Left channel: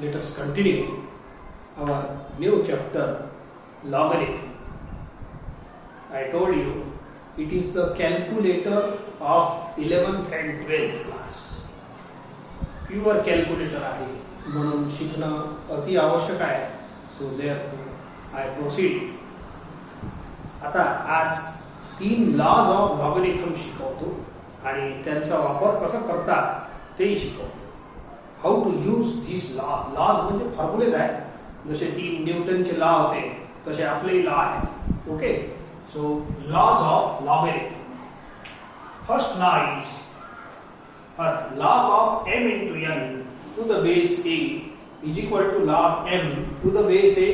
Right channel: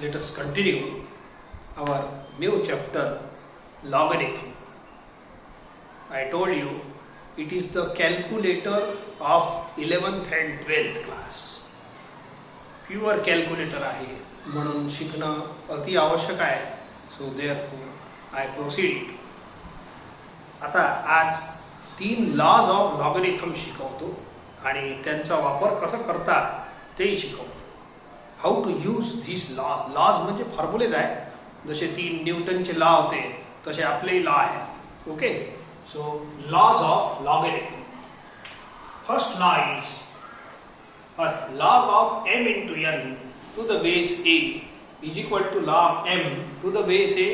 let us continue our new chapter, logarithm. I told you it is the calculator of 11th and 12th class. Pure calculator आहे म्हणून शिकणं अति आवश्यक आहे. So therefore I proceed. आता आज 3 lodge of logarithm शिकवतो आणि त्यांचा वापर कसा करतात तेही शिकवतो. How to use this laws. Laws म्हणजे फॉर्म्युलेज आहे. जसे 3 न्यूटनचे लॉ होते तसे आपलेही लॉ आहे. Okay. So laws of logarithm. First law is log of m into n to the base a is equal to log m to the base a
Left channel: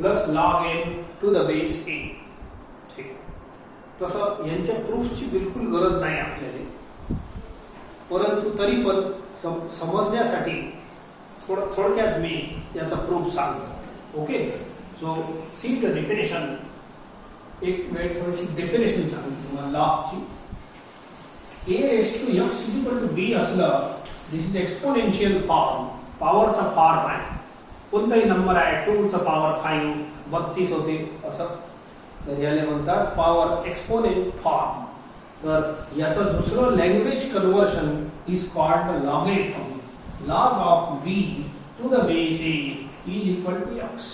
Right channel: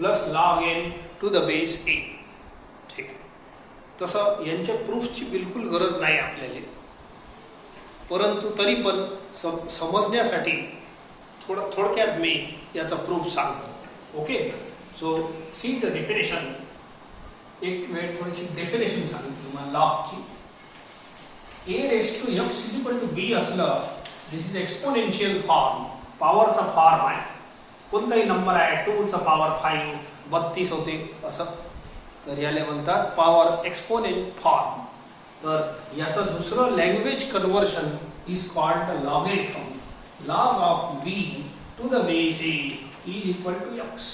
plus log n to the base a. ठीक आहे. तसं यांच्या प्रूफची बिलकुल गरज नाही आपल्याला, परंतु तरी पण समजण्यासाठी थोडक्यात मी याचा प्रूफ सांगतो. Okay. So see the definition. एक वेळ थोडीशी डेफिनेशन सांगतो तुम्हाला लॉगची. a raised to x is equal to b असलं, दिस इज एक्सपोनेन्शियल फॉर्म. पॉवरचा फॉर्म आहे. कोणताही नंबर आहे 2 चा पॉवर 5 32 होते असं, तर याला म्हणतात पॉवर एक्सपोनेंट फॉर्म. तर याचं दुसरं language conversion is called logarithm. Log of b to the base a is equal to x.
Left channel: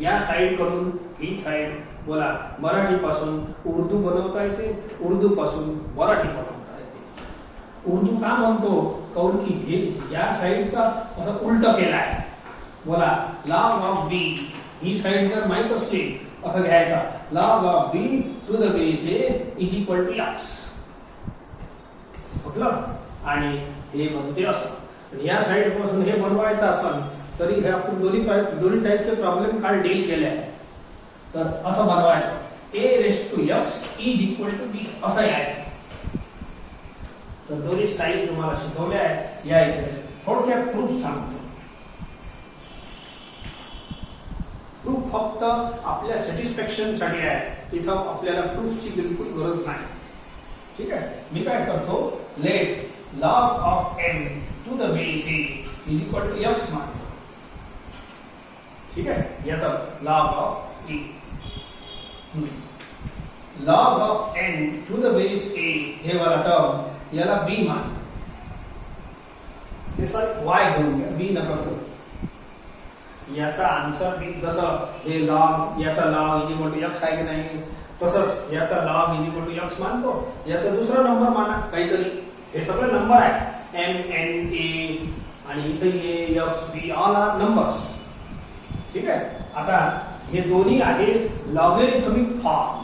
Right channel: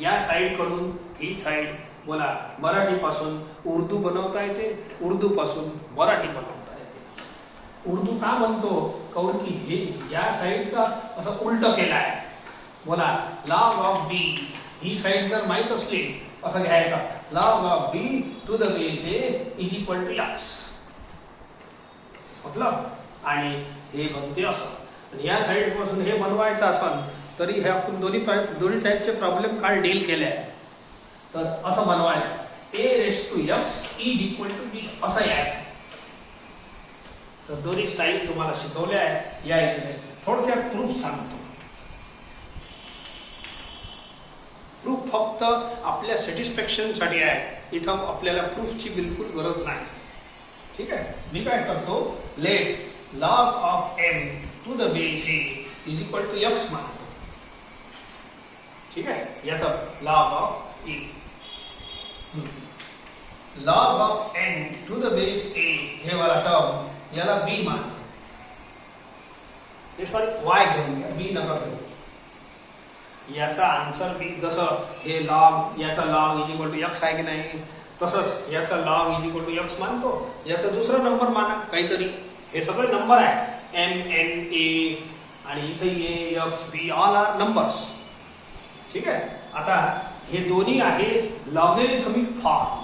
या साइड कडून ही साइड बोला, मराठीपासून उर्दू बनवता येते, उर्दू पासून मराठी बनवता येते. उर्दू का म्हणतो कारण की हे या साइडचा असं उलट केला आहे. बोला लॉग ऑफ बी, ही साइड जर माहित असली असं घ्यायचा, log of B to the base A is equal to X मतलब. आणि हे बनते असं. या साइड पासून हे बनवायचं असेल तरी हे आपण दोन्ही टाईपचे प्रॉब्लेम काल डील केले आहे. तर असं बनवायचं, a raised to x is equal to b असं यायचं. तर दोन्ही स्टाईल तुम्हाला शिकवल्या आहे. या इकडे थोडक्यात प्रूफ सांगतो. प्रूफ फक्त आपल्या सॅटिस्फॅक्शन साठी आहे. इथं आपल्याला प्रूफची बिलकुल गरज नाही. ठीक आहे. मी काय करतो, late log of m to the base a is equal to x मानतो. ठीक आहे. याचा log of a, log of n to the base a हे वाला टर्म याला b मान. हे सर y घेऊन घ्या, b नका करू. याचा आन्सर b जसं हे log, याचा log is equal to x आहे की नाही, तसंच याचा log is equal to x मानतो. याचा दुसरा नंबर माना काहीतरी. हे सगळे नंबर आहे m n a आणि इथे a x b all are numbers. ठीक आहे. आता हे दोन्ही आहे लॉगरिथमिक फॉर्म.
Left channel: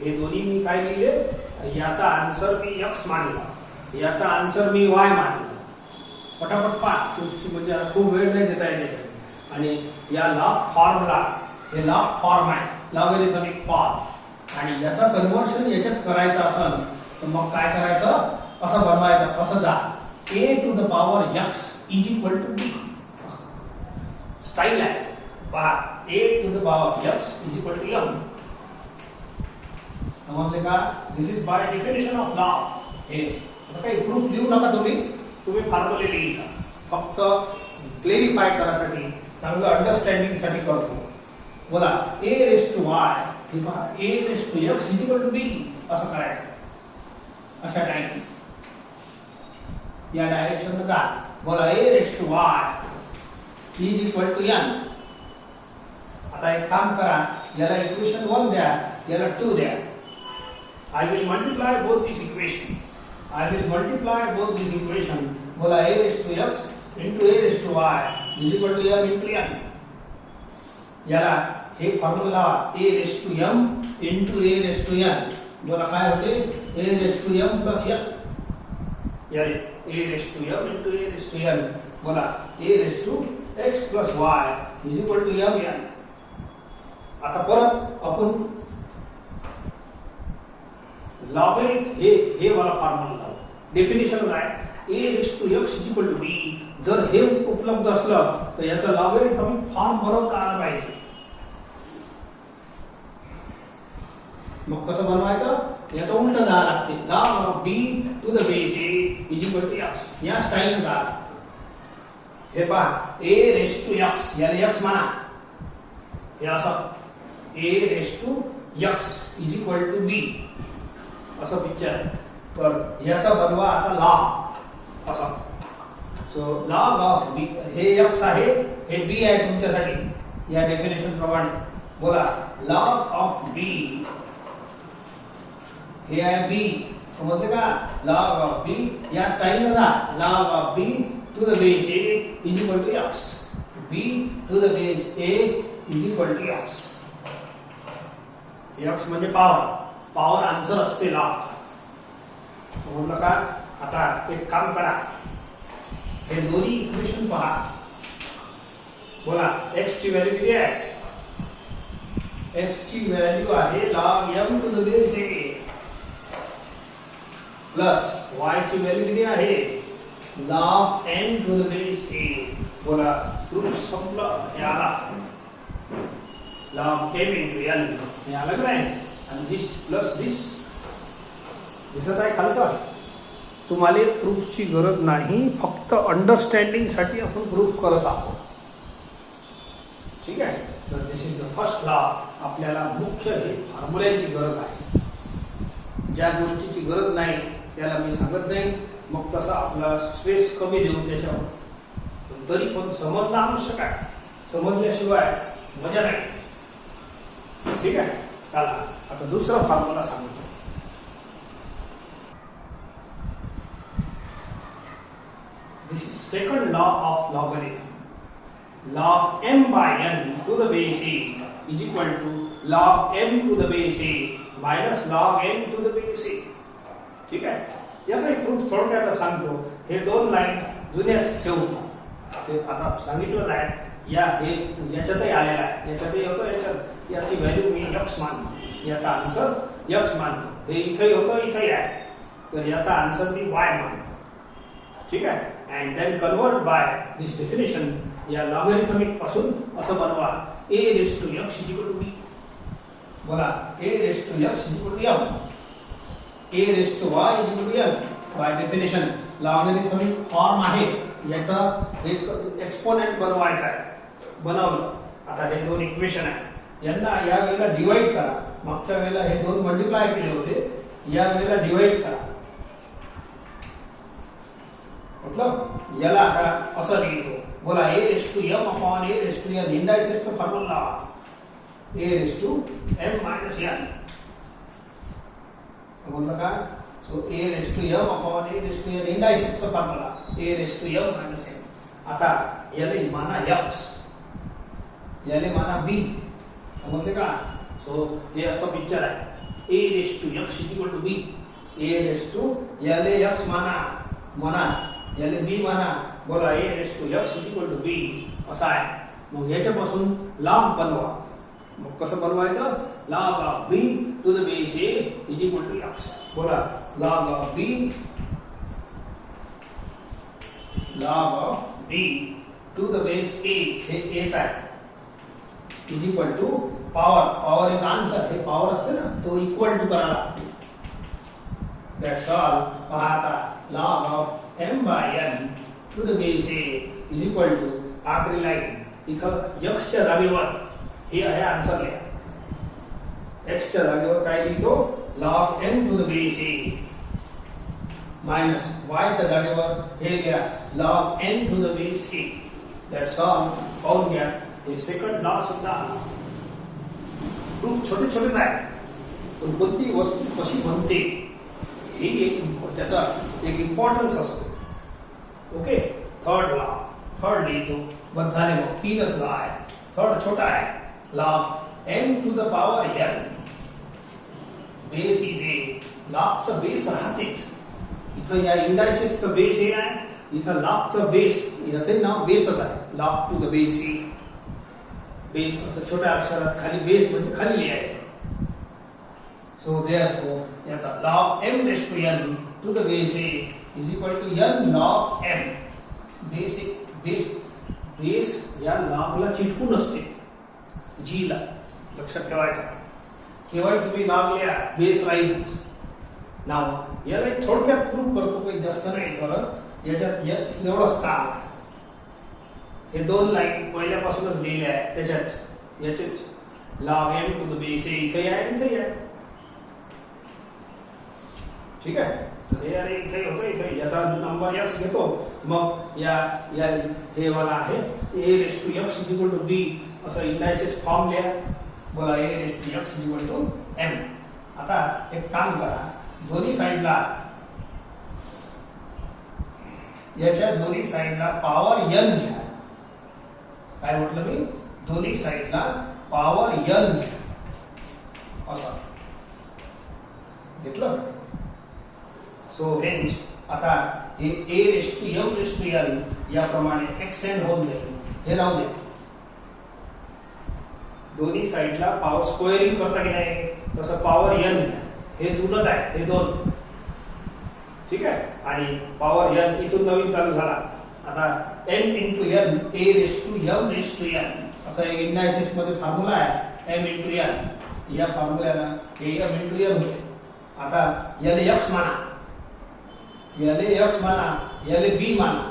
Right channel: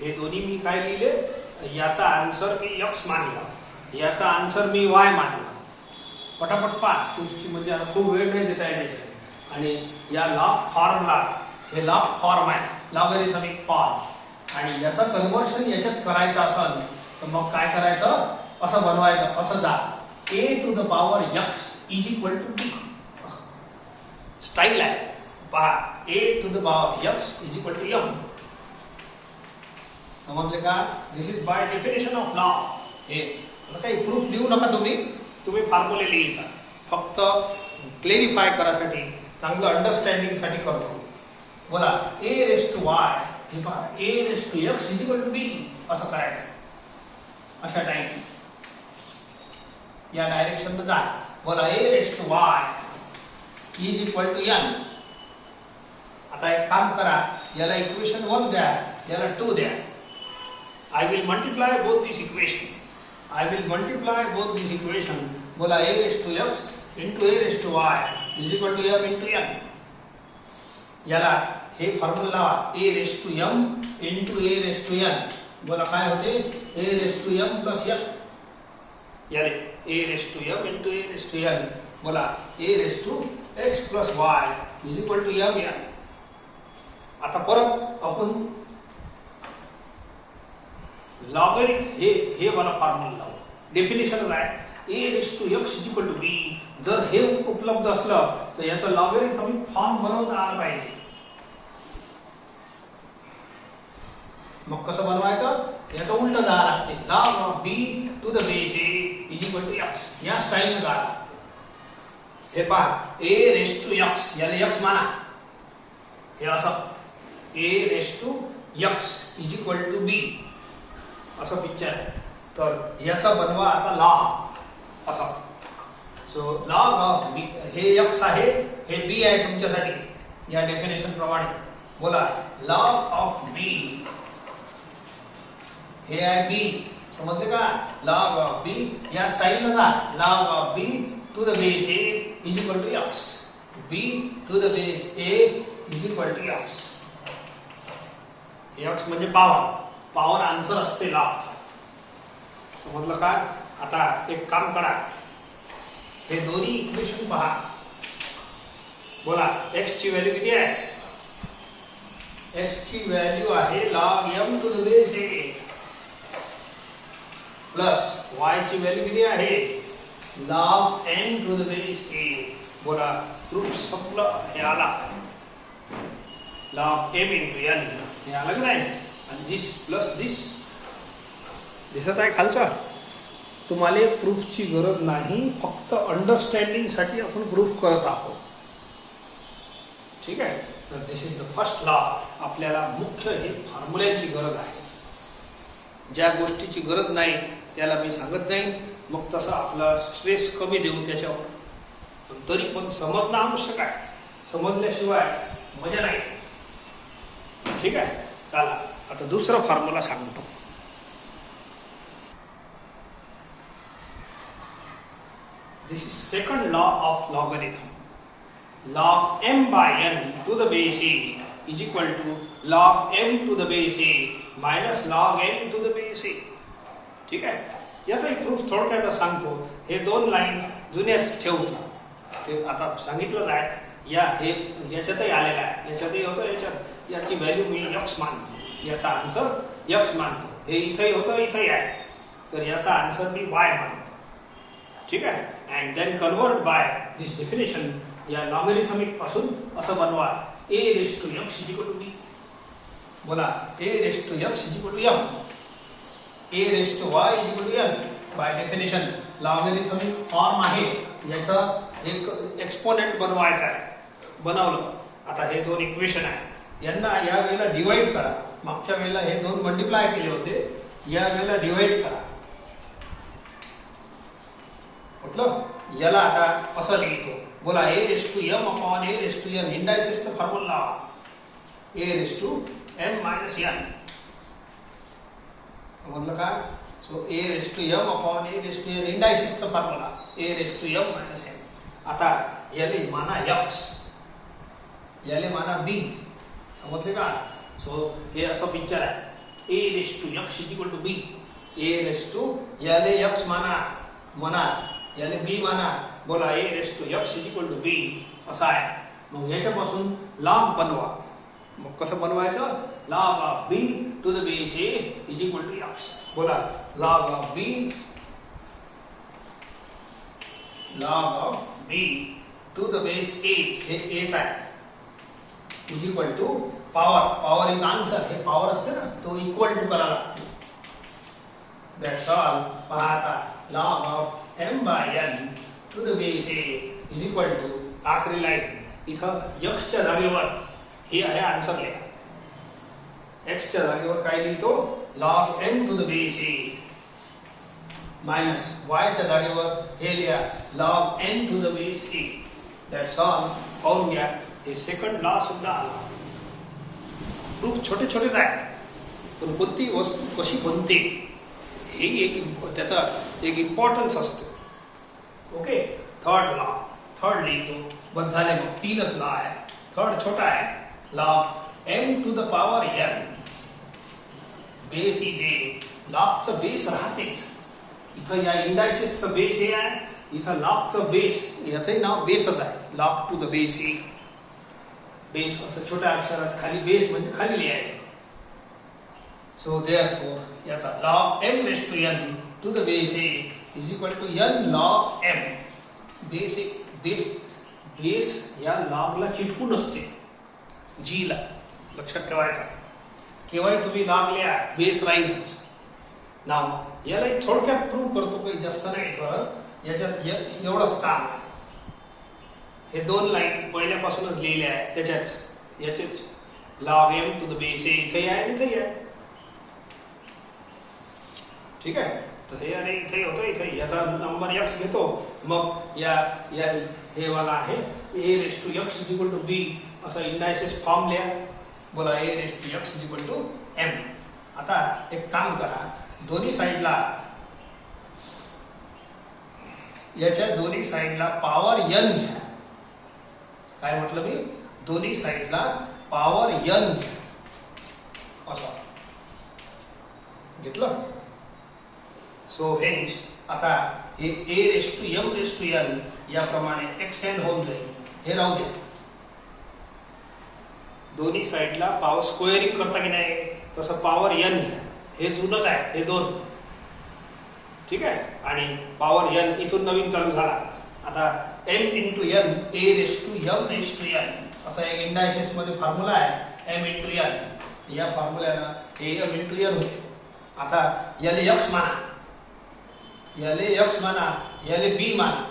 हे दोन्ही मी काय लिहिले, याचा आन्सर मी x मानला, याचा आन्सर मी y मानला. पटापट पाठ तुमची, म्हणजे खूप वेळ नाही देता येते. आणि या लॉग फॉर्मला, हे लॉग फॉर्म आहे लॉगरिथमिक फॉर्म, आणि याचा कन्व्हर्शन याच्यात करायचं असेल तर मग काय करायचं, असं बनवायचं. असं जा a to the power x is equal to b style आहे. पहा, a to the power x is equal to m. समजले का? This is by definition of law. हे काही प्रूफ देऊ नका तुम्ही फॉर्म्युले लिहायचा. फक्त क्लेरिफाय करासाठी, चांगलं अंडरस्टँडिंग साठी करतो. बोला a raised to y, हे पहा a raised to x is equal to b असं करायचं. अशा टाइप या डायरेक्शन मध्ये जा. बोला a raised to y is equal to n. आता एक काम करा, याला इक्वेशन 1 द्या, याला 2 द्या. I will multiply both these equation. I will multiply both these equation. बोला a raised to x into a raised to y is equal to m into n. याला हे formula a raised to m into a raised to n. बोला काय होते, a raised to m plus n. यारे a raised to m into a raised to n. बोला a raised to x plus y is equal to m n. आता परत आपण logarithm हे वाला फॉर्म्युला डेफिनेशन आहे. a raised to x is equal to b. जर हे उपलब्ध असलं तर याचा लॉगरिथमिक फॉर्म बनवता आला पाहिजे. मग कसं बनवायचं, याचं उलट जावं लागते. log of b to the base a is equal to x या स्टाईलने जा. हे पहा a रेस टू x याला x माना हे असं a raise to x is equal to b असं पिक्चर आहे. तर याचा बनवा आता लॉग असा. सो लॉग ऑफ b हे x आहे हे b आहे तुमच्यासाठी या डेफिनेशन प्रमाणे. बोला लॉग ऑफ b हे आहे b समजले का. लॉग ऑफ b या स्टाईल ना log of b to the base a is equal to x b to the base a is equal to x. x म्हणजे पॉवर आन्सर असते log. समजलं का. आता एक काम करा हे दोन्ही इक्वेशन पहा. बोला x ची व्हॅल्यू किती आहे. x ची व्हॅल्यू आहे log m to the base a plus y ची व्हॅल्यू किती आहे log n to the base a. बोला प्रूफ संपलं. हे आला log m into n हे आलं की नाही. आणि दिस प्लस दिस दिसत आहे खालचं. तुम्हाला प्रूफची गरज नाही फक्त अंडरस्टँडिंग साठी आपण प्रूफ करत आहोत. ठीक आहे. तर दिस इज द फर्स्ट लॉ. आपल्याला मुख्य हे फॉर्म्युल्यांची गरज आहे. ज्या गोष्टीची गरज नाही त्याला मी सांगत जाईन मग तसा आपला स्ट्रेस कमी देऊ त्याच्यावर. पण तरी पण समजणं आवश्यक आहे. समजल्याशिवाय मजा नाही. ठीक आहे. चला आता दुसरा फॉर्म्युला सांगतो. This is second law of logarithm. Log m by n to the base a is equal to log m to the base a minus log n to the base a. ठीक आहे. याचा एक proof थोडक्यात सांगतो. हे दोन line जुन्याच ठेवतो. ते आता सांगितलं आहे. या हे याच्यातही आलेला आहे. याच्यातही होतं. याच्यात याची व्हॅल्यू मी x मानतो. याचा आन्सर x मानतो. हे इथंही होतं इथंही आहे. तर याचा आन्सर मी y मानतो. ठीक आहे. and then convert by this definition या लॉगरिथमिक पासून असं बनवा a raised to x is equal to b. बोला a raised to x is equal to m a raised to y is equal to n. by definition logarithmic form आहे. याचा एक exponent बनवायचा आहे. बनवलं. आता हे दोन इक्वेशन आहे. यांना या वेळेला डिवाइड करा. मागच्या वेळेला हे दोन मल्टिप्लाय केले होते. या वेळेला डिवाइड करा. मतलब याला आता असं लिहितो. बोला a raised to m upon a raised to n इंडायसेसचा formula a raised to m minus n. समजलं का. So a raised to m upon a raised to n इंडायसेसचा formula a raised to m minus n. आता याले माना x याले माना b. समजले का. सो हे असं पिक्चर आहे. a raised to x is equal to b. a raised to याले x माना याले b माना. बोला a raised to x is equal to b असा आहे. मग याच्यापासून log बनवा. मग कसं बनवायचं. log of b to the base a is equal to x. बोला log of b to the base a हे a चा आहे is equal to power is answer. हे पॉवर असते ना तो इक्वल टू करायला लागतो. That's all. पहा आता log of m by n to the base a is equal to आखरी लाईन इथं x च्या जागेवर हे आहे आन्सर लिहा. x च्या जागेवर काय लिहितो log m to the base a minus y च्या जागेवर हे लिहा log n to the base a. That's all. पाहून घ्या. हे सेकंड लॉ सुद्धा प्रूफ छोटे छोटेच आहेत. पण कोणती वस्तू कशी बनते हे एक त्याचा एक इम्पॉर्टन्स असतो. ओके. थर्ड लिहितो. बस झाले. मग तीनच लॉ आहे. थर्ड छोटा आहे log m to the power n. Base इथे लॉगचं बेस राहतेच. इथं या इंडायसेसचं बेस हे आहे. इथं लॉगचं बेस याचे नाव बेसच आहे. log to the base a. Base असं छोट्या अक्षरात खाली बेस म्हणजे खाली लिहायचं. सो देयरफॉर याचा log m raised to n to the base a is equal to n log m. Base या लॉगला चिटकून असते जी ला. लक्षात ठेवायचा. केव्हा तुम्ही लॉग लिहा बेस राहीलच. नाव याला थोडक्यात प्रूव्ह करतो. काही जास्त नाही. बरं याच्यात एवढंच काम. हे दोन लाईन पहिल्यापासूनच लिहिल्या आहेत त्याच्याच याचेच log m to the base a इथे आहे इथे आहे. ठीक आहे. तर हे अरे इथे होतो इथे याचा नंबर x घेतो मग या या हे वाला आहे a raised to x is equal to b असा इंडायसेस फॉर्म लिहा. बोला a raised to x is equal to m. आता एक काम करा दोन्ही साइडला याच्या दोन्ही साइडला पॉवर n घ्या. काय म्हटलं मी दोन्ही साइडला पॉवर n घ्या असं घेतलं. सो हेन्स आता हे a raised to m raised to n याप्रमाणे xn होऊन जाईल. हे राहू दे. दोन्ही साइडला पॉवर स्क्वेअरिंग करता की नाही तसं पॉवर n घ्या. हे जुनच आहे हे दोन. ठीक आहे. आणि पॉवर n इथून नवीन चालू झाला. आता m into n a raised to m raised to n असा एक इंडायसेस मध्ये फॉर्म्युला आहे m into n. या फॉर्म्युल्याला m into n होते. आता याले x माना याले x माना याले b माना.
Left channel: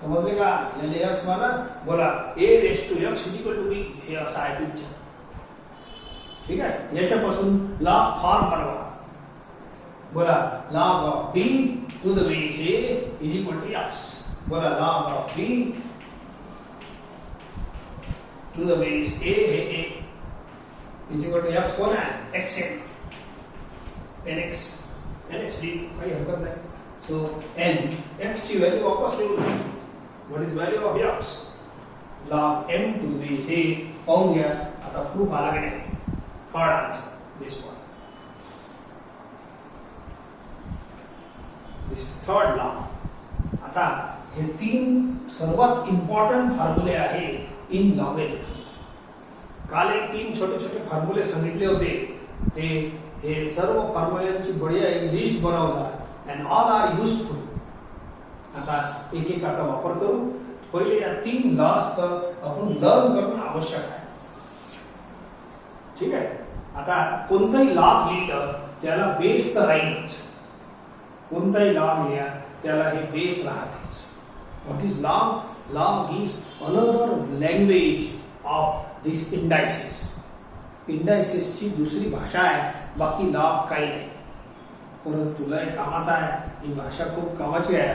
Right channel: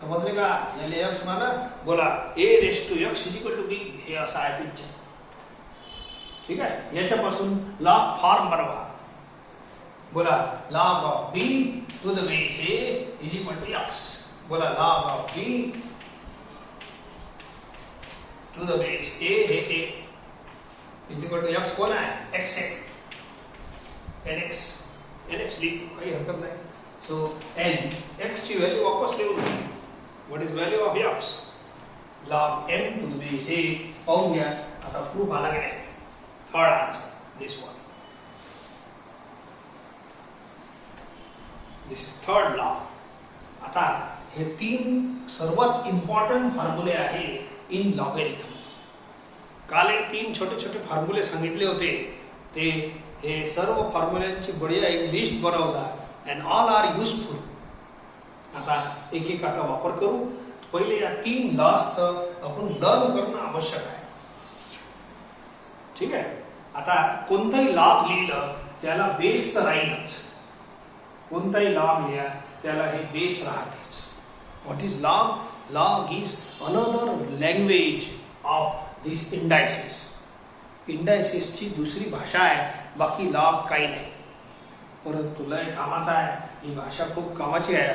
समजले का? याले x माना बोला a raised to x is equal to b हे असं आहे पिक्चर. ठीक आहे. याच्यापासून लॉग फॉर्म बनवा. बोला log of b to the base a is equal to x. बोला log of b to the base a हे a is equal to x कोण आहे xn nx लिहितो काही हरकत नाही. सो n x ची व्हॅल्यू वापस लिहू. What is value of x log m to the base a पाहून घ्या. आता प्रूफ आला की नाही. Third answer this one. This is third law. आता हे तीन सर्वात इम्पॉर्टंट फॉर्म्युले आहे इन लॉगरिथम. काल हे तीन छोटे छोटे फॉर्म्युले सांगितले होते ते हे सर्व फॉर्म्युल्यांची बढिया एक लिस्ट बनवजा अँड ऑल आर युजफुल. आता एकेकाचा वापर करू. पहिले या तीन लॉजचा आपण लर्न करणं आवश्यक आहे. ठीक आहे. आता कोणताही लॉग लिहिलं त्याला बेस तर राहीलच. कोणताही लॉग लिहा त्याला हे बेस राहतेच. What is log? Log is another language of this indices. इंडायसेसची दुसरी भाषा आहे. बाकी लॉग काही नाही. परंतु लय कामाचा आहे. ही भाषा खूप कामाची आहे.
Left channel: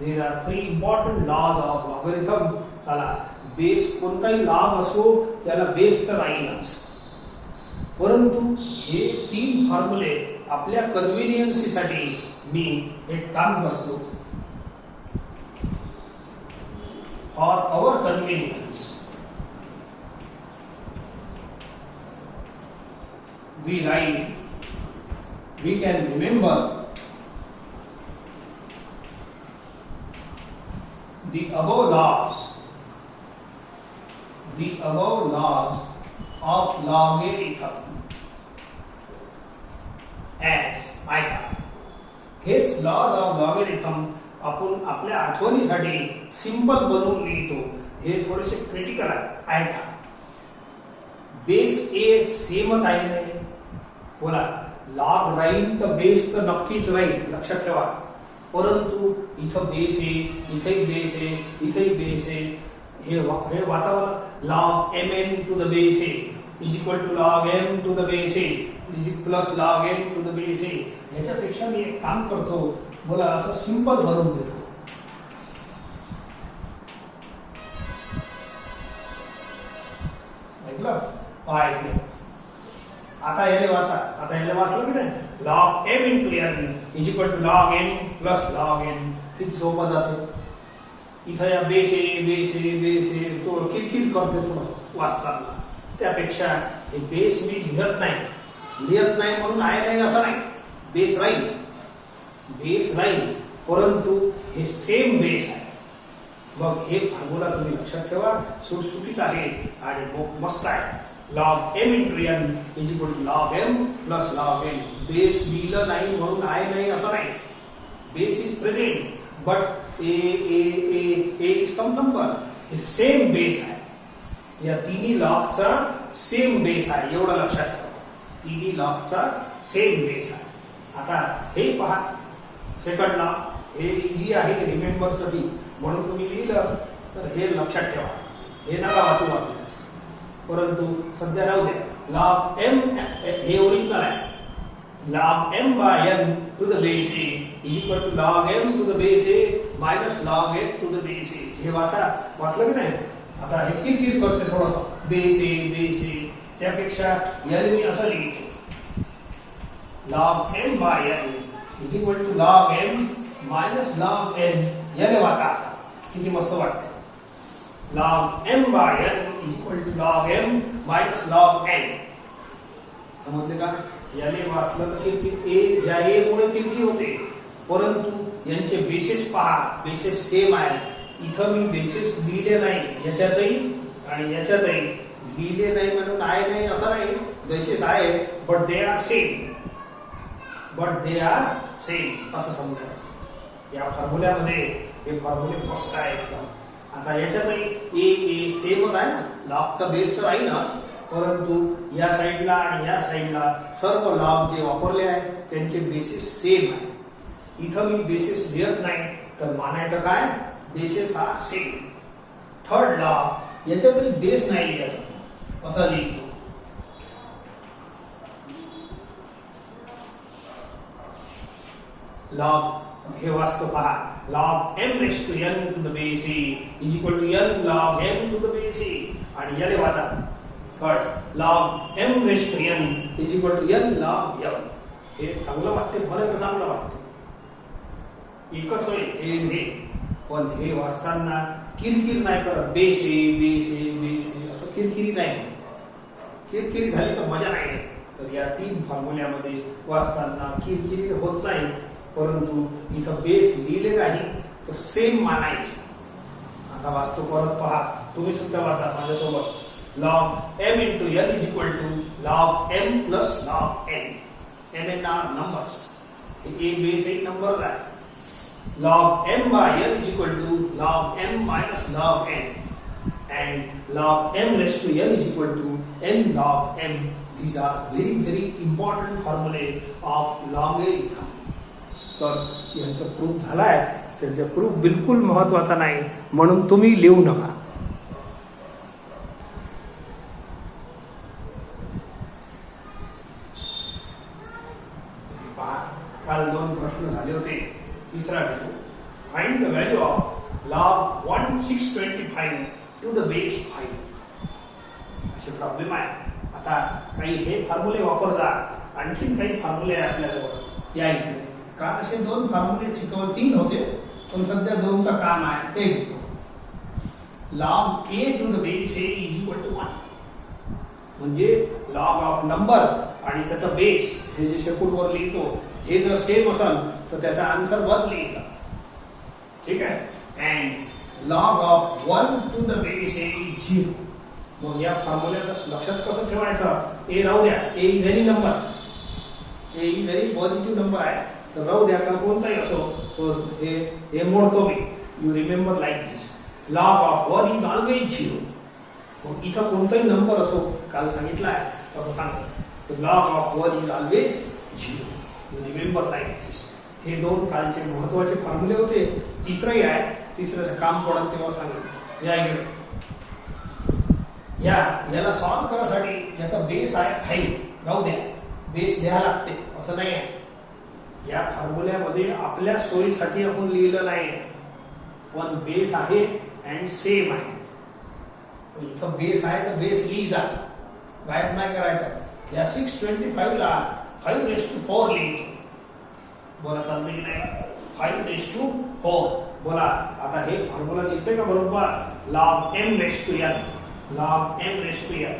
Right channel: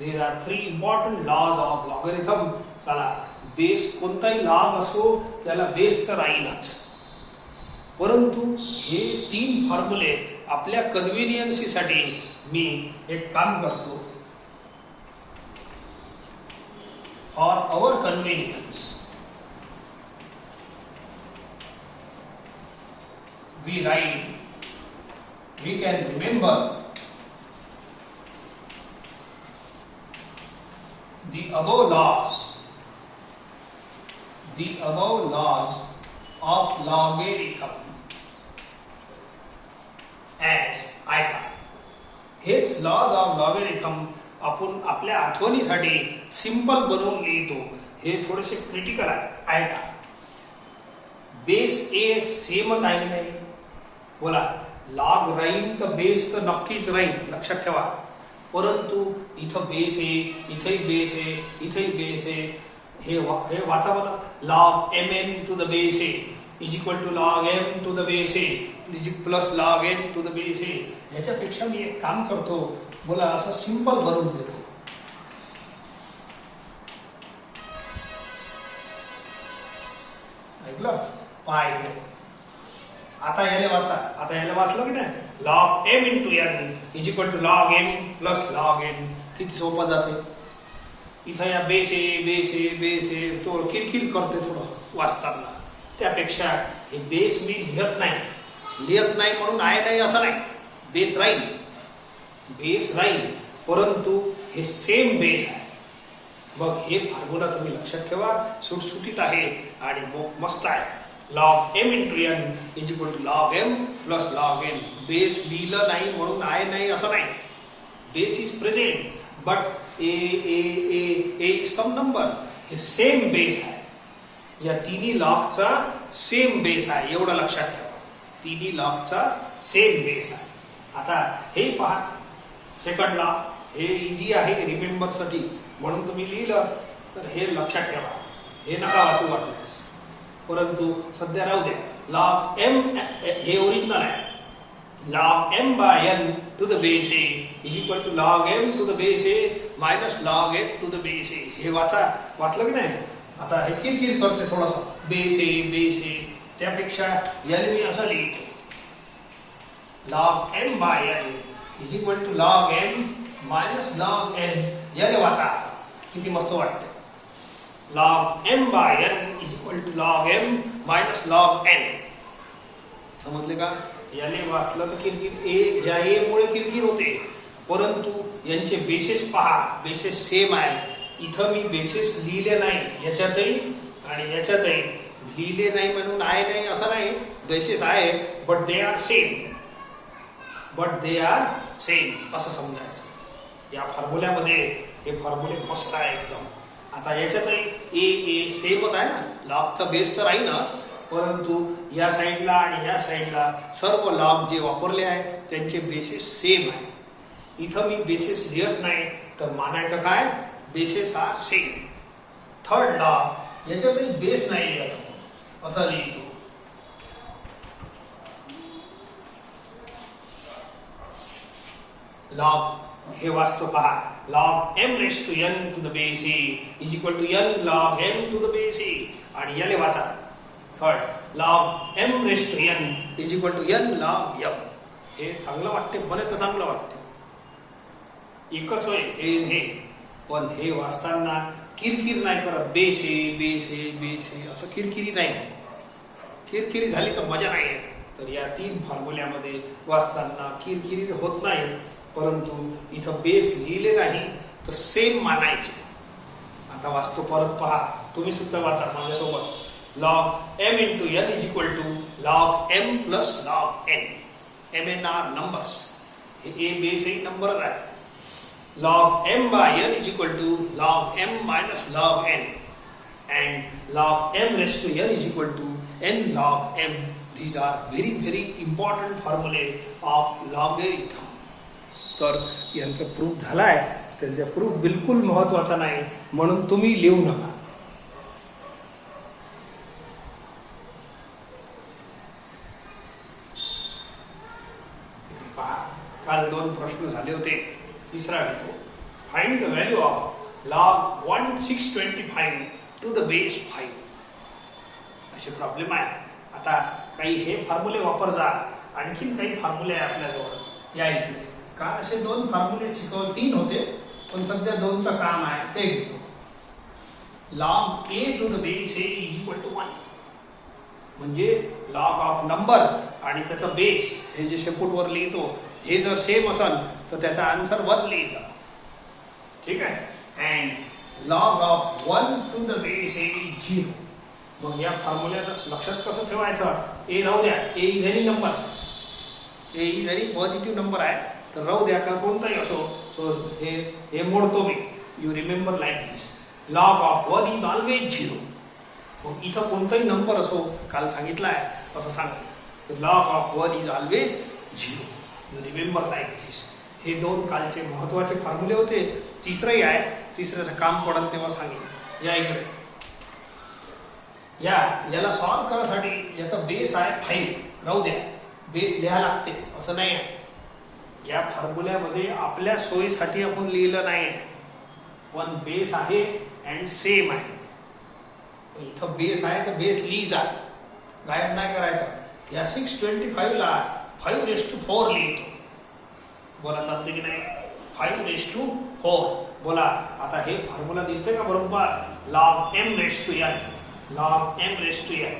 There are 3 important laws of logarithm. चला बेस कोणताही लॉग असो त्याला बेस तर राहीलच. परंतु हे तीन फॉर्म्युले आपल्या कन्व्हिनियन्सीसाठी मी एक काम करतो. For our convenience we can remember the above laws of logarithm as ऐका. हेच लॉज ऑफ लॉगरिथम आपण आपल्या आठवणीसाठी सिंपल बनवून लिहितो. हे थोडेसे क्रिटिकल आहे. ऐका. बेस ए सेमच आहे नाही. बोला लॉग राहील तर बेस तर नक्कीच राहील लक्षात ठेवा. परंतु इथं बेस आहे इथेही बेस आहे इथेही बेस आहे. हे वाचा बरं. log mn to the base a is equal to log m to the base a plus log n to the base a. याच्यापेक्षा मी एक काम करतो. बोला असं सिंपल बनवून देतो. ऐकलं? पाहिजे. आता याने वाचा. आता याने वाचलं की नाही. log m into n is equal to log m plus log n. किती सोपं जाते. इथं या बेस आहे तो किरकिर करते तुला वाचताना. त्यापेक्षा हे बेस मी लिहत नाही म्हणून आहे नाही असं नाही. बेस राहील परंतु हे सेम बेस आहे. मग हे फॉर्म्युला तुम्ही लक्षात ठेवा. सुटसुटीत आहे आणि मस्त आहे. log m into n is equal to log m plus log n. Base लिहिलं नाही म्हणून आहे नाही असं नाही. Base is present but a some number. हे सेम बेस आहे. या तिन्ही लॉगचा सेम बेस आहे. एवढं लक्षात ठेवा. तिन्ही लॉगचा सेम बेस आहे. आता हे पहा सेकंड लॉ. हे इझी आहे रिमेंबर साठी. म्हणून तुम्ही लिहिलं तर हे लक्षात ठेवा, हे नका वाचू वाटल्यास. परंतु सध्या राहू द्या. लॉग एम हे ओरिजिनल आहे. log m by n to the base a is equal to log m to the base a minus log n to the base a. हे वाचलं की नाही? आता हे किरकिर करते थोडंसं. बेस ए त्यापेक्षा n मी असं लिहितो. log m by n is equal to log m minus log n. याने वाचा, किती मस्त वाटते. log m by n is equal to log m minus log n. समजले का? याने वाचलं तर किरकिर या ए मुळे किरकिर होते, परंतु यांचे बेसिस पहा, बेसिस सेम आहे. इथं मी बेसिस लिहिले नाही, याच्यातही आणि याच्यातही लिहिले नाही म्हणून आहे नाही असं नाही. बेसिस आहे बट दे आर सेम असं समजायचं. या फॉर्म्युल्यामध्ये हे फॉर्म्युले मस्त आहे एकदम. आता याच्यातही ए सेमच आहे ना, लॉगचा बेस तर आहे ना, परंतु या साईडला आणि या साईडला सर्व लॉग जे वापरले आहे त्यांचे बेसिस सेम आहे. इथं मी बेसिस लिहत नाही तर मानायचं काय? Bases are same. Third log याच्यातही बेस नाही लिहत, असं लिहितो. लॉग हे वाचतो पहा. log m raised to n to the base a is equal to n log n to the base a. आणि याले वाचा. Third log m raised to n is equal to n log m. हे चांगलं वाटते, मला तर चांगलं वाटते. एकच होय हे, पण हे वाचताना किरकिर नाही करत. बेस ए असं किरकिरी नाही. किरकिरी झाली तर मजा नाही. तर या तीन फॉर्म्युल्यामध्ये वाचताना किरकिरी होत नाही, परंतु इथं बेस लिहिले नाही तर सेम मानायचे. आता वाचतो परत पहा, तुम्ही सुद्धा वाचा माझ्यासोबत. log m into n is equal to log m plus log n. m n are numbers. ये बेस एक नंबर है. log m by n is equal to log m minus log n and log m raised to n is equal to n log m. These are very important formulae of logarithm. तर यांचा proof झालाय. त्याचा proof बिलकुल महत्त्वाचा नाही म्हणून तुम्ही लिहू नका. काल दोन प्रश्न झाले होते. तिसरा आहे find the value of log 1625 to the base 5. असे प्रॉब्लेम आहे. आता काही हे फॉर्म्युले वापर जा. आणखी काही फॉर्म्युले आहे आपल्याजवळ. या इकडे का असे दोन फॉर्म्युले शिकवले, तीन होते पण सध्या दोनचं काम आहे ते घेतो. log a to the base a is equal to 1. म्हणजे लॉग ऑफ नंबर आणि त्याचा बेस हे जे शेपूटवर लिहितो हे जर सेम असेल तर त्याचा आन्सर 1 लिहायचा. ठीक आहे. And log of 1 to the base a is 0. मग या फॉर्म्युल्याला लक्षात कसं ठेवायचं? ए राहू द्या. A is any number. A is any positive number आहे तर राहू द्या का कोणताही असो. सो हे मोडतो मी. You remember like this. Log of 1 is always 0. मग इथं कोणताही नंबर असो, काल सांगितलं आहे असं सांगतो. तर log of 1 is always 0. You remember like this. हे दोन कालचे महत्वाचे फॉर्म्युले होते. तिसरंही आहे. तिसऱ्याचं काम पडेल तेव्हा सांगेल. या इकडे याला सॉल्व करण्यासाठी याचा बेस आहे 5. राहू द्या. बेस लिहायला लागते असं नाही आहे. या फॉर्म्युल्यामध्ये आपल्या सोयीसाठी आपण लिहिलं नाही, पण बेस आहे अँड सेम आहे. इथं बेस आहे तर बेस लिहिजा, गायब नाही करायचा. या 625 ला 5⁴ लिहितो. बोला चालते की नाही? 5⁴. बोला आता हे फॉर्म्युला दिसते का बरोबर? log m raised to n. log m raised to n.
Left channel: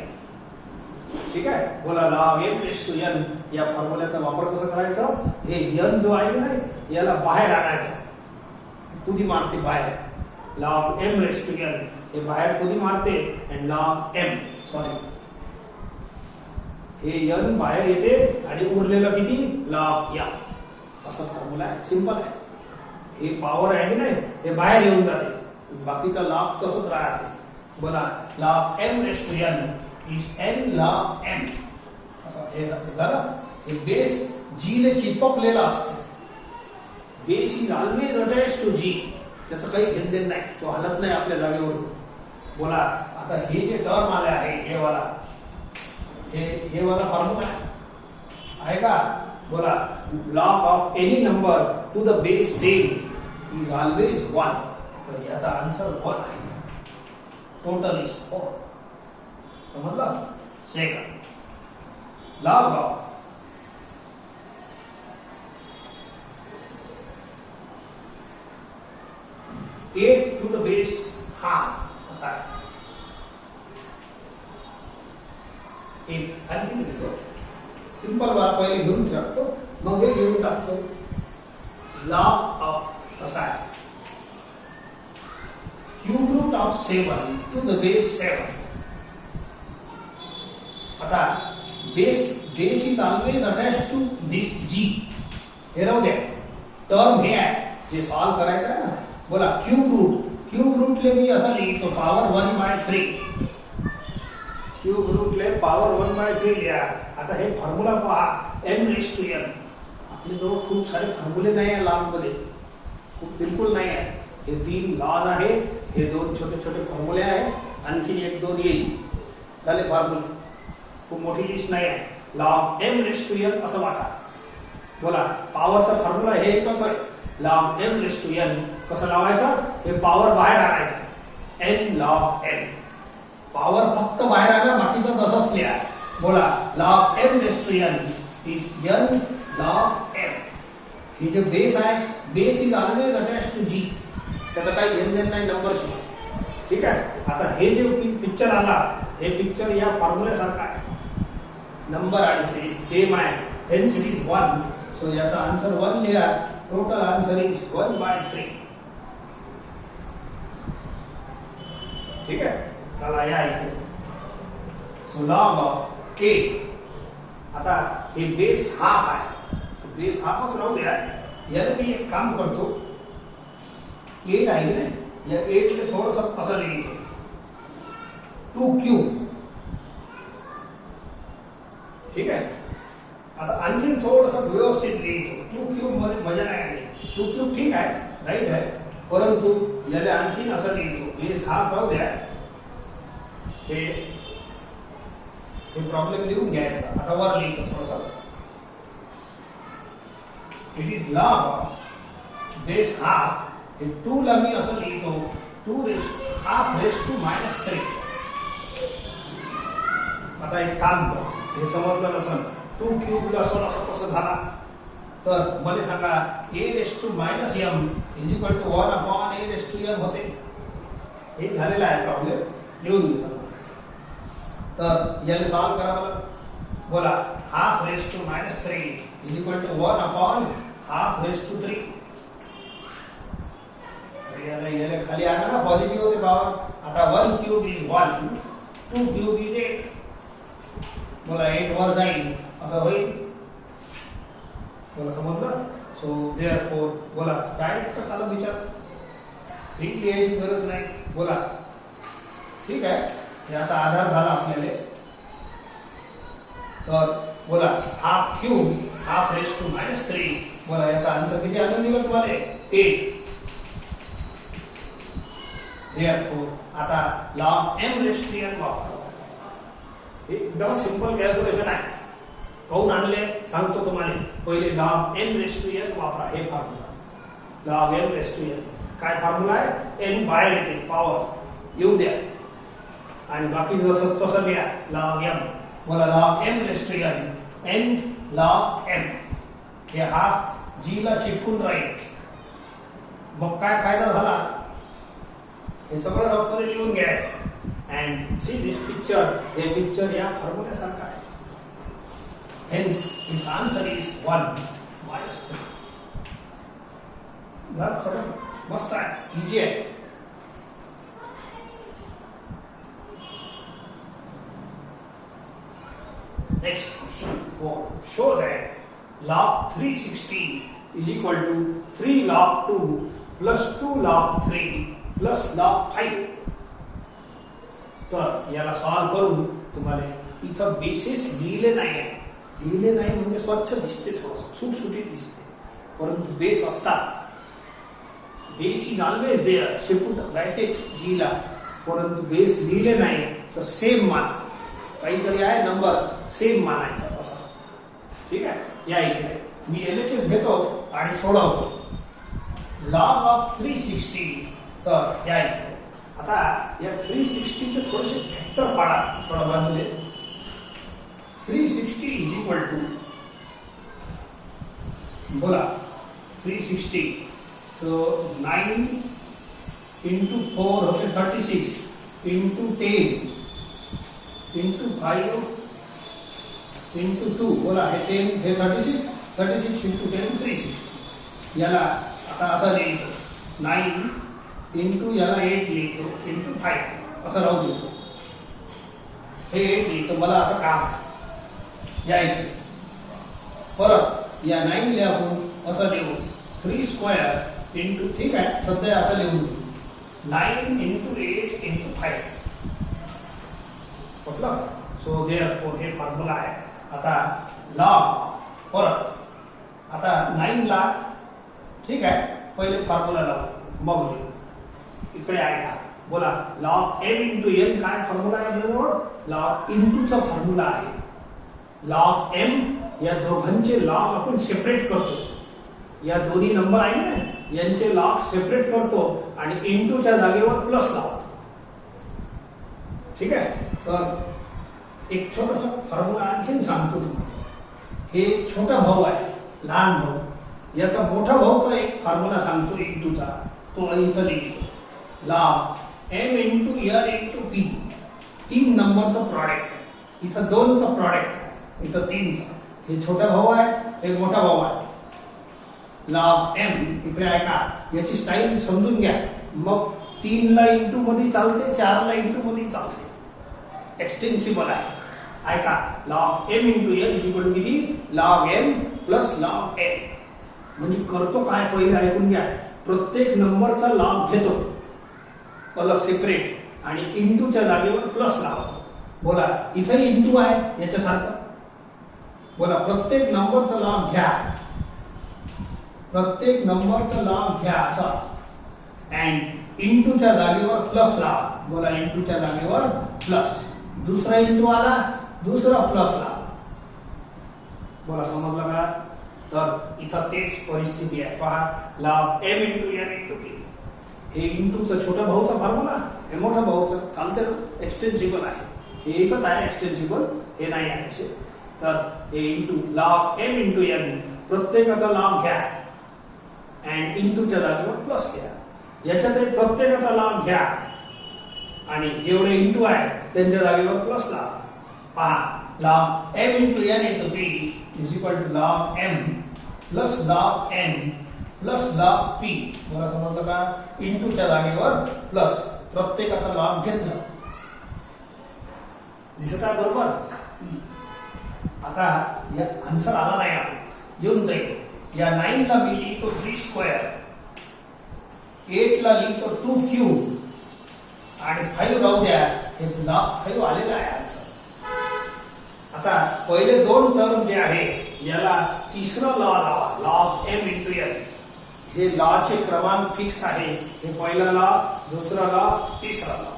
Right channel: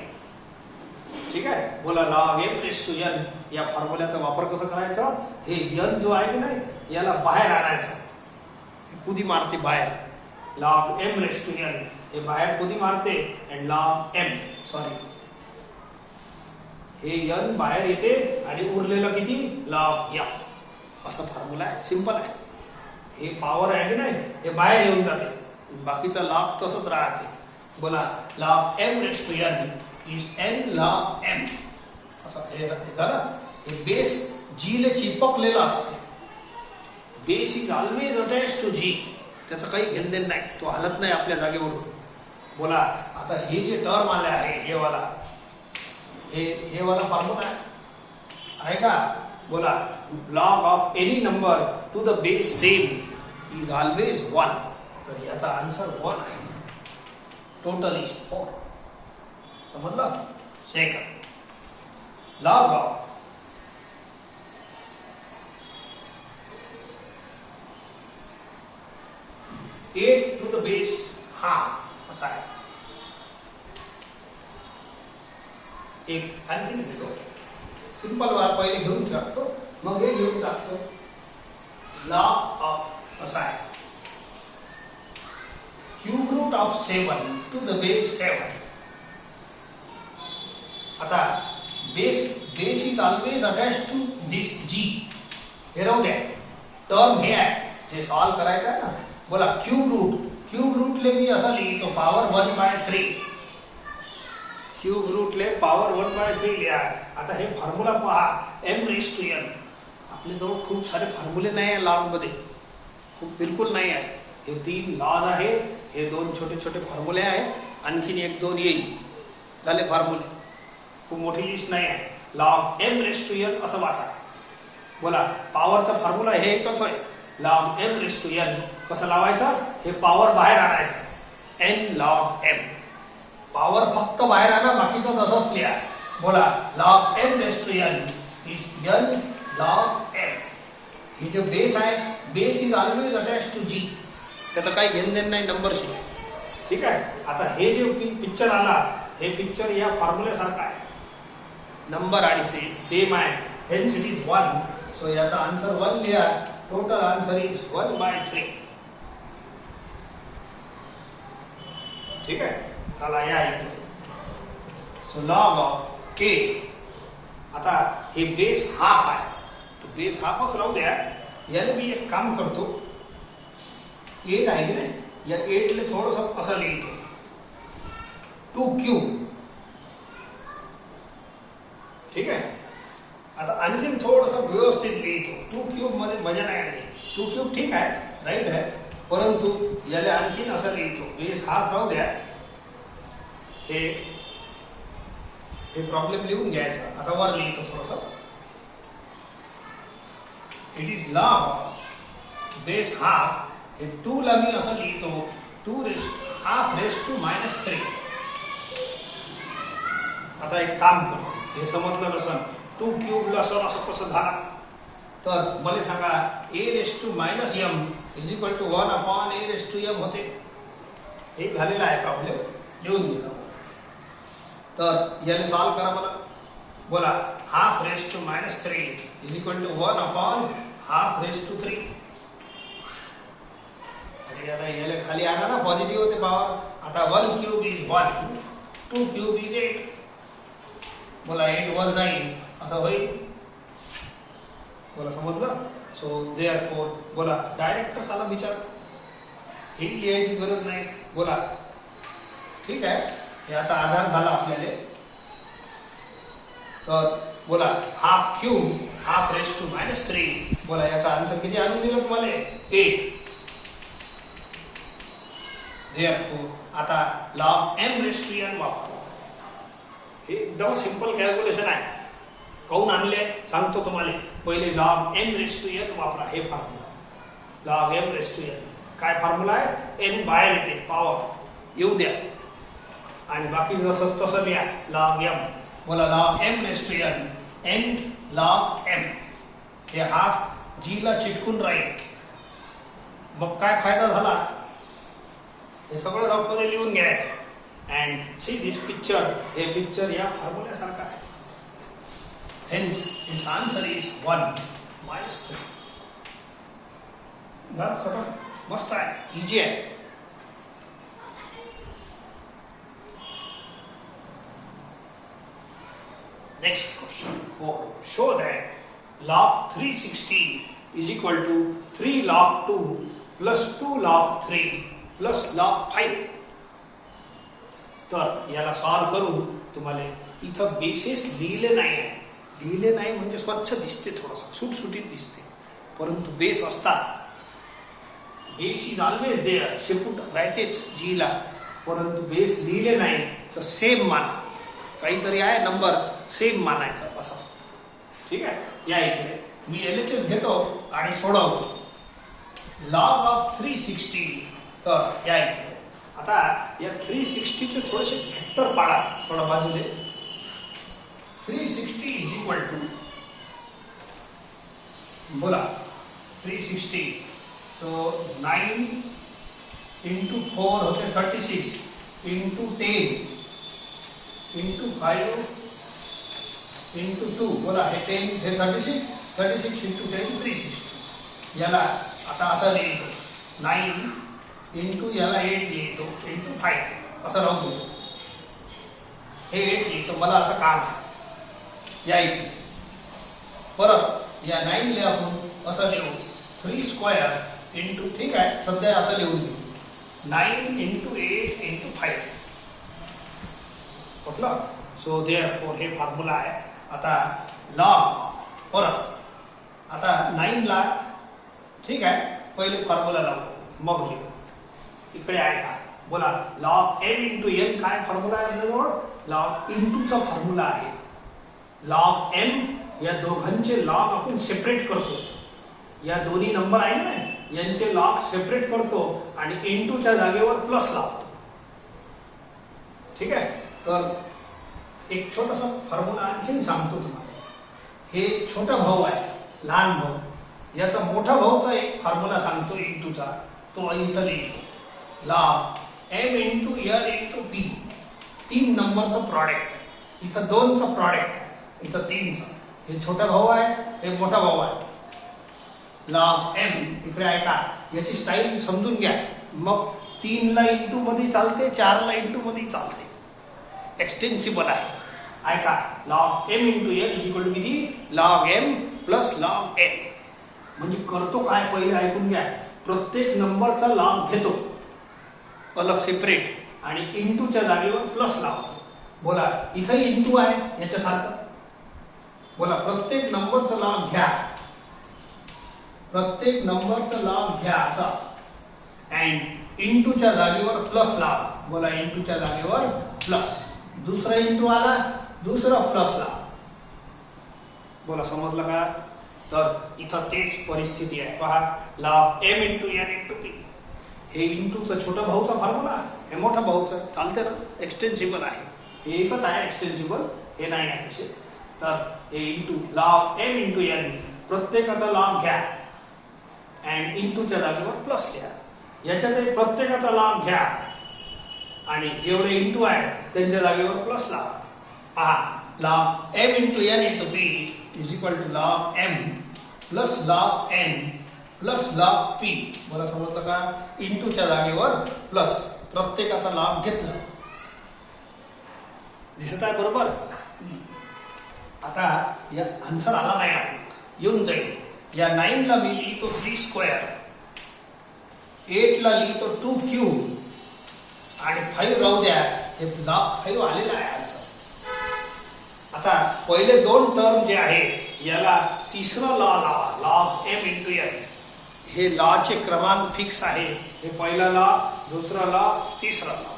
ठीक आहे. बोला log m raised to n या फॉर्म्युल्याचा वापर कसा करायचा? हे n जो आहे की नाही याला बाहेर आणायचं. कुदी मारते बाहेर. log m raised to n हे बाहेर कुदी मारते and log m हे n बाहेर येते आणि उरलेलं किती? log m. असा फॉर्म्युला आहे. सिंपल आहे. हे पॉवर आहे की नाही हे बाहेर येऊन जाते. बाकीचा log तसंच राहते. बोला log m raised to n is n log m. असं हे झालं. हे बेस जी ले चिपकलेला असते. Base is always attached to G. त्याचं काही घेणदेण नाही, तो हलत नाही आपल्या जागेवरून. बोला आता हे जे टर्म आले आहे हे वाला फॉर्म्युला आहे का? बोला log of any number to the base same is always 1. तर याचा आन्सर 1 आहे. Total is 4. समजलं? Second log of eight to the base half असा आहे. एक आणखी घेतो, सिंपल बार पहिले घेऊन टाकतो, मग हे घेऊन टाकतो. लॉग ऑफ असा आहे cube root of 7 to the base 7. आता base is always attach to this G. हे राहू द्या, टर्म हे आहे जे सॉल्व करायचं आहे ना. बोला क्यूब रूटले मी असं लिहितो पॉवर 1/3. क्यूब रूटले पॉवर 1/3 लिहा. आता हे फॉर्म्युला पहा, m⁻n. आपल्याजवळ खूप सारे फॉर्म्युले नाही आहे लॉग मध्ये, खूप बिलकुल नाही आहे. हे 3 लॉज आहे, हे 2 छोटे छोटे फॉर्म्युले आहे, आणखीन 1-2 येईल. झाले फॉर्म्युले, खूप मोठी लिस्ट नाही आहे. लॉग m⁻n असं वाचा. बोला पॉवरचा फॉर्म्युला हे एकच आहे, लॉग m⁻n. कसं लावायचं? हे पॉवर बाहेर आणायचं, n log m. पॉवर फक्त बाहेर आणा, बाकीचं तसंच लिहा. बोला log m⁻n is n log m. हे जे बेस आहे, base is always attach to G. त्याचं काही घेणदेण नाही नंबरशी. ठीक आहे? आता हे जे पिक्चर आला, हे पिक्चर या फॉर्म्युल्यासारखं आहे. नंबर आणि सेम आहे, हेन्स इट इज 1. सो याचा आन्सर 1 लिहा. Total answer is 1/3. ठीक आहे? चला या इथे. So log of 8. आता हे बेस हाफ आहे, तो बेस हाफच राहू द्या. याला मी एक काम करतो, 8 आहे की नाही, या 8 ले थोडंसं असं लिहितो 2 ठीक आहे? आता आणखीन थोडंसं व्यवस्थित लिहितो. 2 मध्ये मजा नाही आली. 2 ठीक आहे, राईट आहे, परंतु याला आणखीन असं लिहितो. बेस हाफ राहू द्या. हे प्रॉब्लेम लिहून घ्यायचा. आता वर लिहितो थोडंसं. It is log of base half. हे 2 ला मी असं लिहितो 2√3. आता एक काम कर, हे समजलं नसेल, 2 क्यूब ला असं कसं झाला, तर मला सांगा a⁻m is equal to 1/a⁻m होते. एक झालेला आहे प्रॉब्लेम, लिहून घ्या. तर याला सॉल्व करा मला. बोला ½ इज इक्वल टू 1/√3. याला खाली आणा ना, पॉझिटिव्ह होते पॉवर. आता 1 क्यूब इज 1, 2 क्यूब इज 8. बोला 8 वर जाईल असं होईल. बोला समजलं? सो देअरफॉर बोला डायरेक्ट कसाला विचार, ही लिहायची गरज नाही. बोला ठीक आहे, याचा आधार झाला आपल्याला. तर बोला हाफ क्यूब ½ बोला याचा आन्सर किती आणून दिलं तुम्हाला? 8. देअरफॉर आता लॉग m⁻n वापरतो. हे एकदम सिंपल कॅल्क्युलेशन आहे. काऊन आणले सांगतो तुम्हाला. पहिले लॉग m⁻n वापरा. हे फॉर्म्युला लॉग m⁻n काय फॉर्म्युला आहे? n बाहेर येते, पॉवर येऊ द्या, आणि बाकी जसं तसं लिहा लॉग m. बोला log m⁻n n log m. हे हाफ जी ला चिटकून राहील. मग काय फायदा झाला? हे सगळं रफमध्ये लिहून घ्यायचं. And see this picture. हे पिक्चर या फॉर्म्युल्यासारखं आहे. Hence, his answer is 1/3. झालं खरं? मस्त आहे, इजी आहे. Next question. Show that log 360 is equal to 3 log 2 plus 2 log 3 plus log 5. तर याला सॉल्व करून तुम्हाला इथं बेसिस लिहिले नाही आहे. लिहिले नाही म्हणजे स्वच्छ दिसते, थोडंसं सुटसुटीत दिसते, परंतु बेस असतात. बेस इज ऑलवेज देअर, शेपूट राहतेच जीला, परंतु बेस लिहिले नाही तर सेम मान, काहीतरी आहे नंबर सेम मानायचा असा. ठीक आहे. या इकडे मी LHS घेतो आणि सोडवतो. Log of 360. तर या इकडे आता या 360 चे थोडेसे फॅक्टर काढा थोडा बाजूले. 360 इज इक्वल टू, बोला 360, सो 9 इंटू 4 होते 36, इंटू 10 इंटू 5 इंटू 2, बोला हे 10 हे 36, 36 इंटू 10 360. याला आता असं लिहितो 9 इंटू याला 8 लिहितो इंटू 5 असं राहू देतो. हे 8 लिहितो, मला असं काम या इथे परत या 9 ला आपण असं लिहू 3 स्क्वेअर इंटू, ठीक आहे सध्या असं लिहून घेऊ 9 इंटू 8 इंटू 5 म्हटलं. सो देअरफॉर हे फॉर्म्युला आहे. आता लॉग परत आता 9 ला, ठीक आहे पहिले फॉर्म्युला लावू मग लिहू. इकडे आहे का, बोला लॉग m इंटू n. काय फॉर्म्युला आहे आपल्याजवळ, लॉग इंटूचा फॉर्म्युला आहे. लॉग m या दोघांचे लॉग आपण सेपरेट करतो. या दोन्ही नंबर आहे ना यांचे लॉग सेपरेट करतो आणि इंटूच्या जागेवर प्लस लावतो. ठीक आहे. तर एक छोटासा फॉर्म्युला आणखी सांगतो तुम्हाला. हे छोटा भाऊ आहे, लहान भाऊ, याचा मोठा भाऊचा एक फॉर्म्युला सांगतो इंटूचा, तो इथं लिहितो. Log m into n into p, 3 नंबरचं प्रॉडक्ट, इथं 2चं प्रॉडक्ट, इथं 3चं. हे छोटा भाऊ आहे, हे मोठा भाऊ आहे. लॉग m इकडे आहे का, याची स्टाईल समजून घ्या. मग 3 ला इंटू मध्ये चालते, 4 ला इंटू मध्ये चालते, एक्सटेन्सिबल आहे का. Log m into n is equal to किती, log m plus log n. म्हणजे करतो काय, पहिले ऐकून घ्या. प्रत्येक नंबरचा लॉग घेतो अलग सेपरेट आणि इंटूच्या जागेवर प्लस लावतो. बोला इथे इंटू आहे याच्यासारखं, बोला प्रत्येक नंबरचा लॉग घ्या, प्रत्येक नंबरचा लॉग घ्या असा, अँड इंटूच्या जागेवर प्लस लावा. बोला इंटूच्या जागेवर प्लस, दुसरा इंटू आला दुसरा प्लस लावा. बोला समजलं का. तर इथं तेच परिस्थिती आहे. पहा log m into n into p. हे इंटूचं छोटा भाऊचा फॉर्म्युला, हे मोठा भाऊचं चालते ना, एक्सटेन्सिबल आहे. हे एकच आहे एक्सटेन्सिबल, हे नाही आहे असे. तर हे into log m into n, प्रत्येकाचा लॉग घ्या अँड इंटूच्या जागेवर प्लस घ्या. याच्यात प्रत्येकाचा लॉग घ्या आणि जेवढे इंटू आहे त्यांच्या जागेवर प्लस लावा. पहा log m into n into p is equal to log m plus log n plus log p. मला समजलं का. इंटूच्या जागेवर प्लस, प्रत्येकाचा लॉग घेतला. दिसत आहे बरोबर. आता या आन्सर आला नाही, आपण येऊन जाईल. या 9 ला मी लिहितो 3 स्क्वेअर, 8 ला लिहितो 2 क्यूब आणि 5 राहू द्या. हे लॉग 5 आलेला आहे आन्सर. आता पहिले 2 टर्म जे आहे याला तिसरा लॉ लावा, लॉग m इंटू n. हे लॉचे क्रमांक फिक्स आहे. हे पहिला लॉ, दुसरा लॉ, तिसरा लॉ.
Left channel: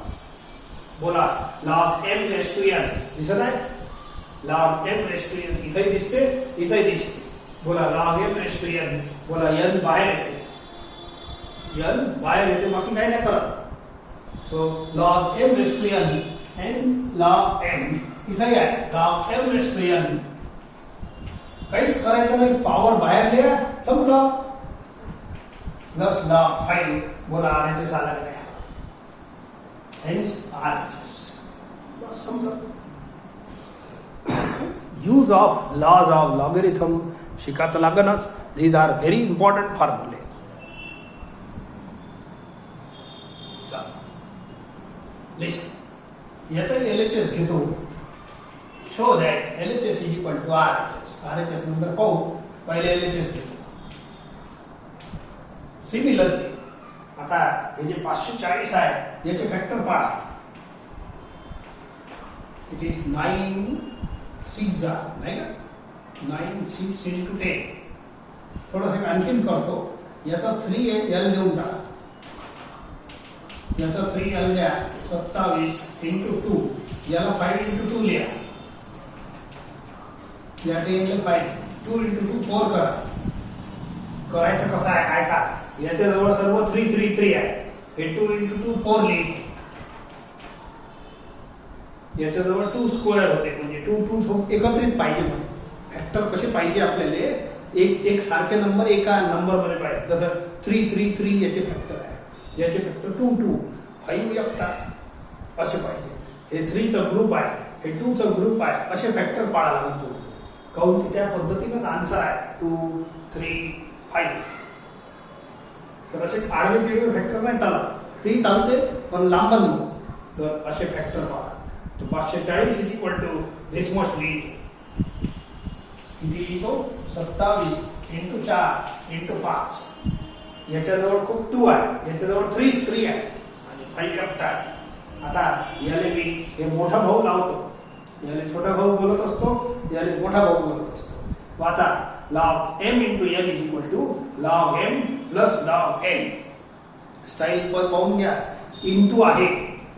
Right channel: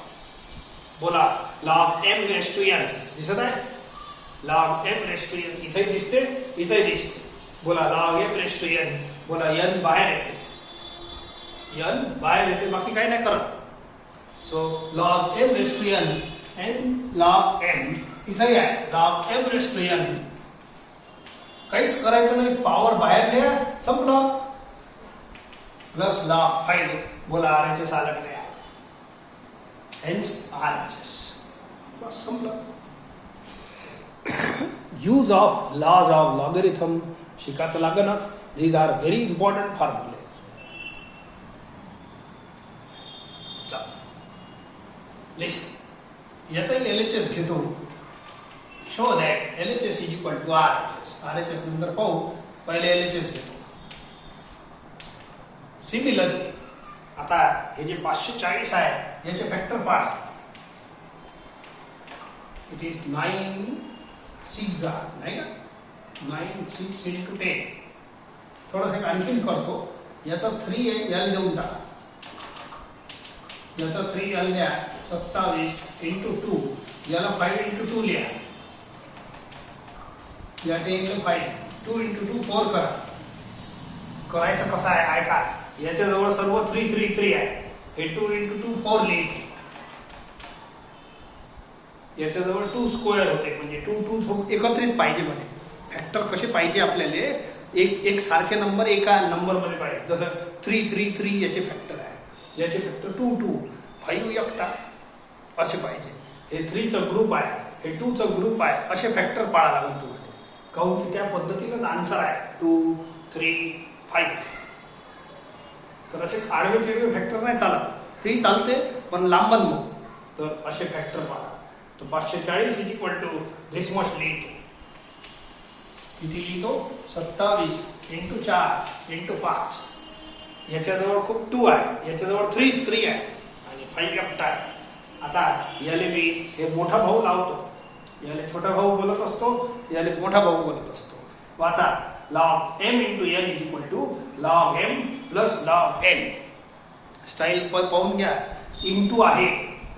बोला log m raise to n. दिसत आहे log m raise to n. इथे दिसते, इथे दिसते. बोला log m raise to n. बोला n बाहेर येते, n बाहेर येते, बाकी काही नाही करत. So log m raise to n and log m इथे आहे. log m raise to n. काहीच करायचं नाही, पॉवर बाहेर लिहा, संपलं. Plus log 5. बोला RHS आला की नाही, हेन्स RHS. बस संपलं. Use of laws of logarithm शिका तर लागणच. दीज आर व्हेरी इम्पॉर्टंट फॉर्म्युले. लिस्ट याचा LHS घेतो. Show that LHS is equal to RHS. RHS नंतर पाहू, पहिले LHS घेतो. सिमिलरली आता हे जे 540 आहे याचे फॅक्टर पहा. इट इज 9 6 नाही का, 9 6 into 10. थोडंसं आणखीन करतो. याचा 3 L देऊन टाका. याचा 3l लिहा 27 × 2 याला 5 × 2 लिहा या 10 ला 5 2 × 2 4 करा. करायचं कसं आहे ऐका. याच्या जवळ सर्व 3 3 3 आहे. हे 2 × 2 4 लिहिते. याच्या जवळ 2 स्क्वेअर होते म्हणजे 2 2 एकत्रित पाहिजे म्हणजे फॅक्टर कसे पाहिजे आपल्याला एक सारखे नंबर एका नंबर मध्ये पाहिजे. जसं 3 3 3 याचे फॅक्टर आहे. याचे फॅक्टर 2 2 5 एकटा असे पाहिजे. हे 3 चा ग्रुप आहे हे 2 चा ग्रुप आहे असे फॅक्टर पाळा लागतो. काऊन की त्या पद्धतीनेच आन्सर आहे 2 3 5. तर असे आडवे तिरवे फॅक्टर नाही चालत. तेही चालते पण लांबन तर असे फॅक्टर पाळा. तो 540 is equal to this must lead किती लिहितो 27 × 4 × 5. याच्याजवळ खूप 2 आहे याच्याजवळ 3 3 आहे आणि 5 एकटा आहे. आता याले मी हे मोठा भाऊ लावतो. याले छोटा भाऊ बोलत असतो याले मोठा भाऊ बोलत असतो. वाचा log m × n is equal to log m plus log n. Style पण पाहून घ्या. इंटू आहे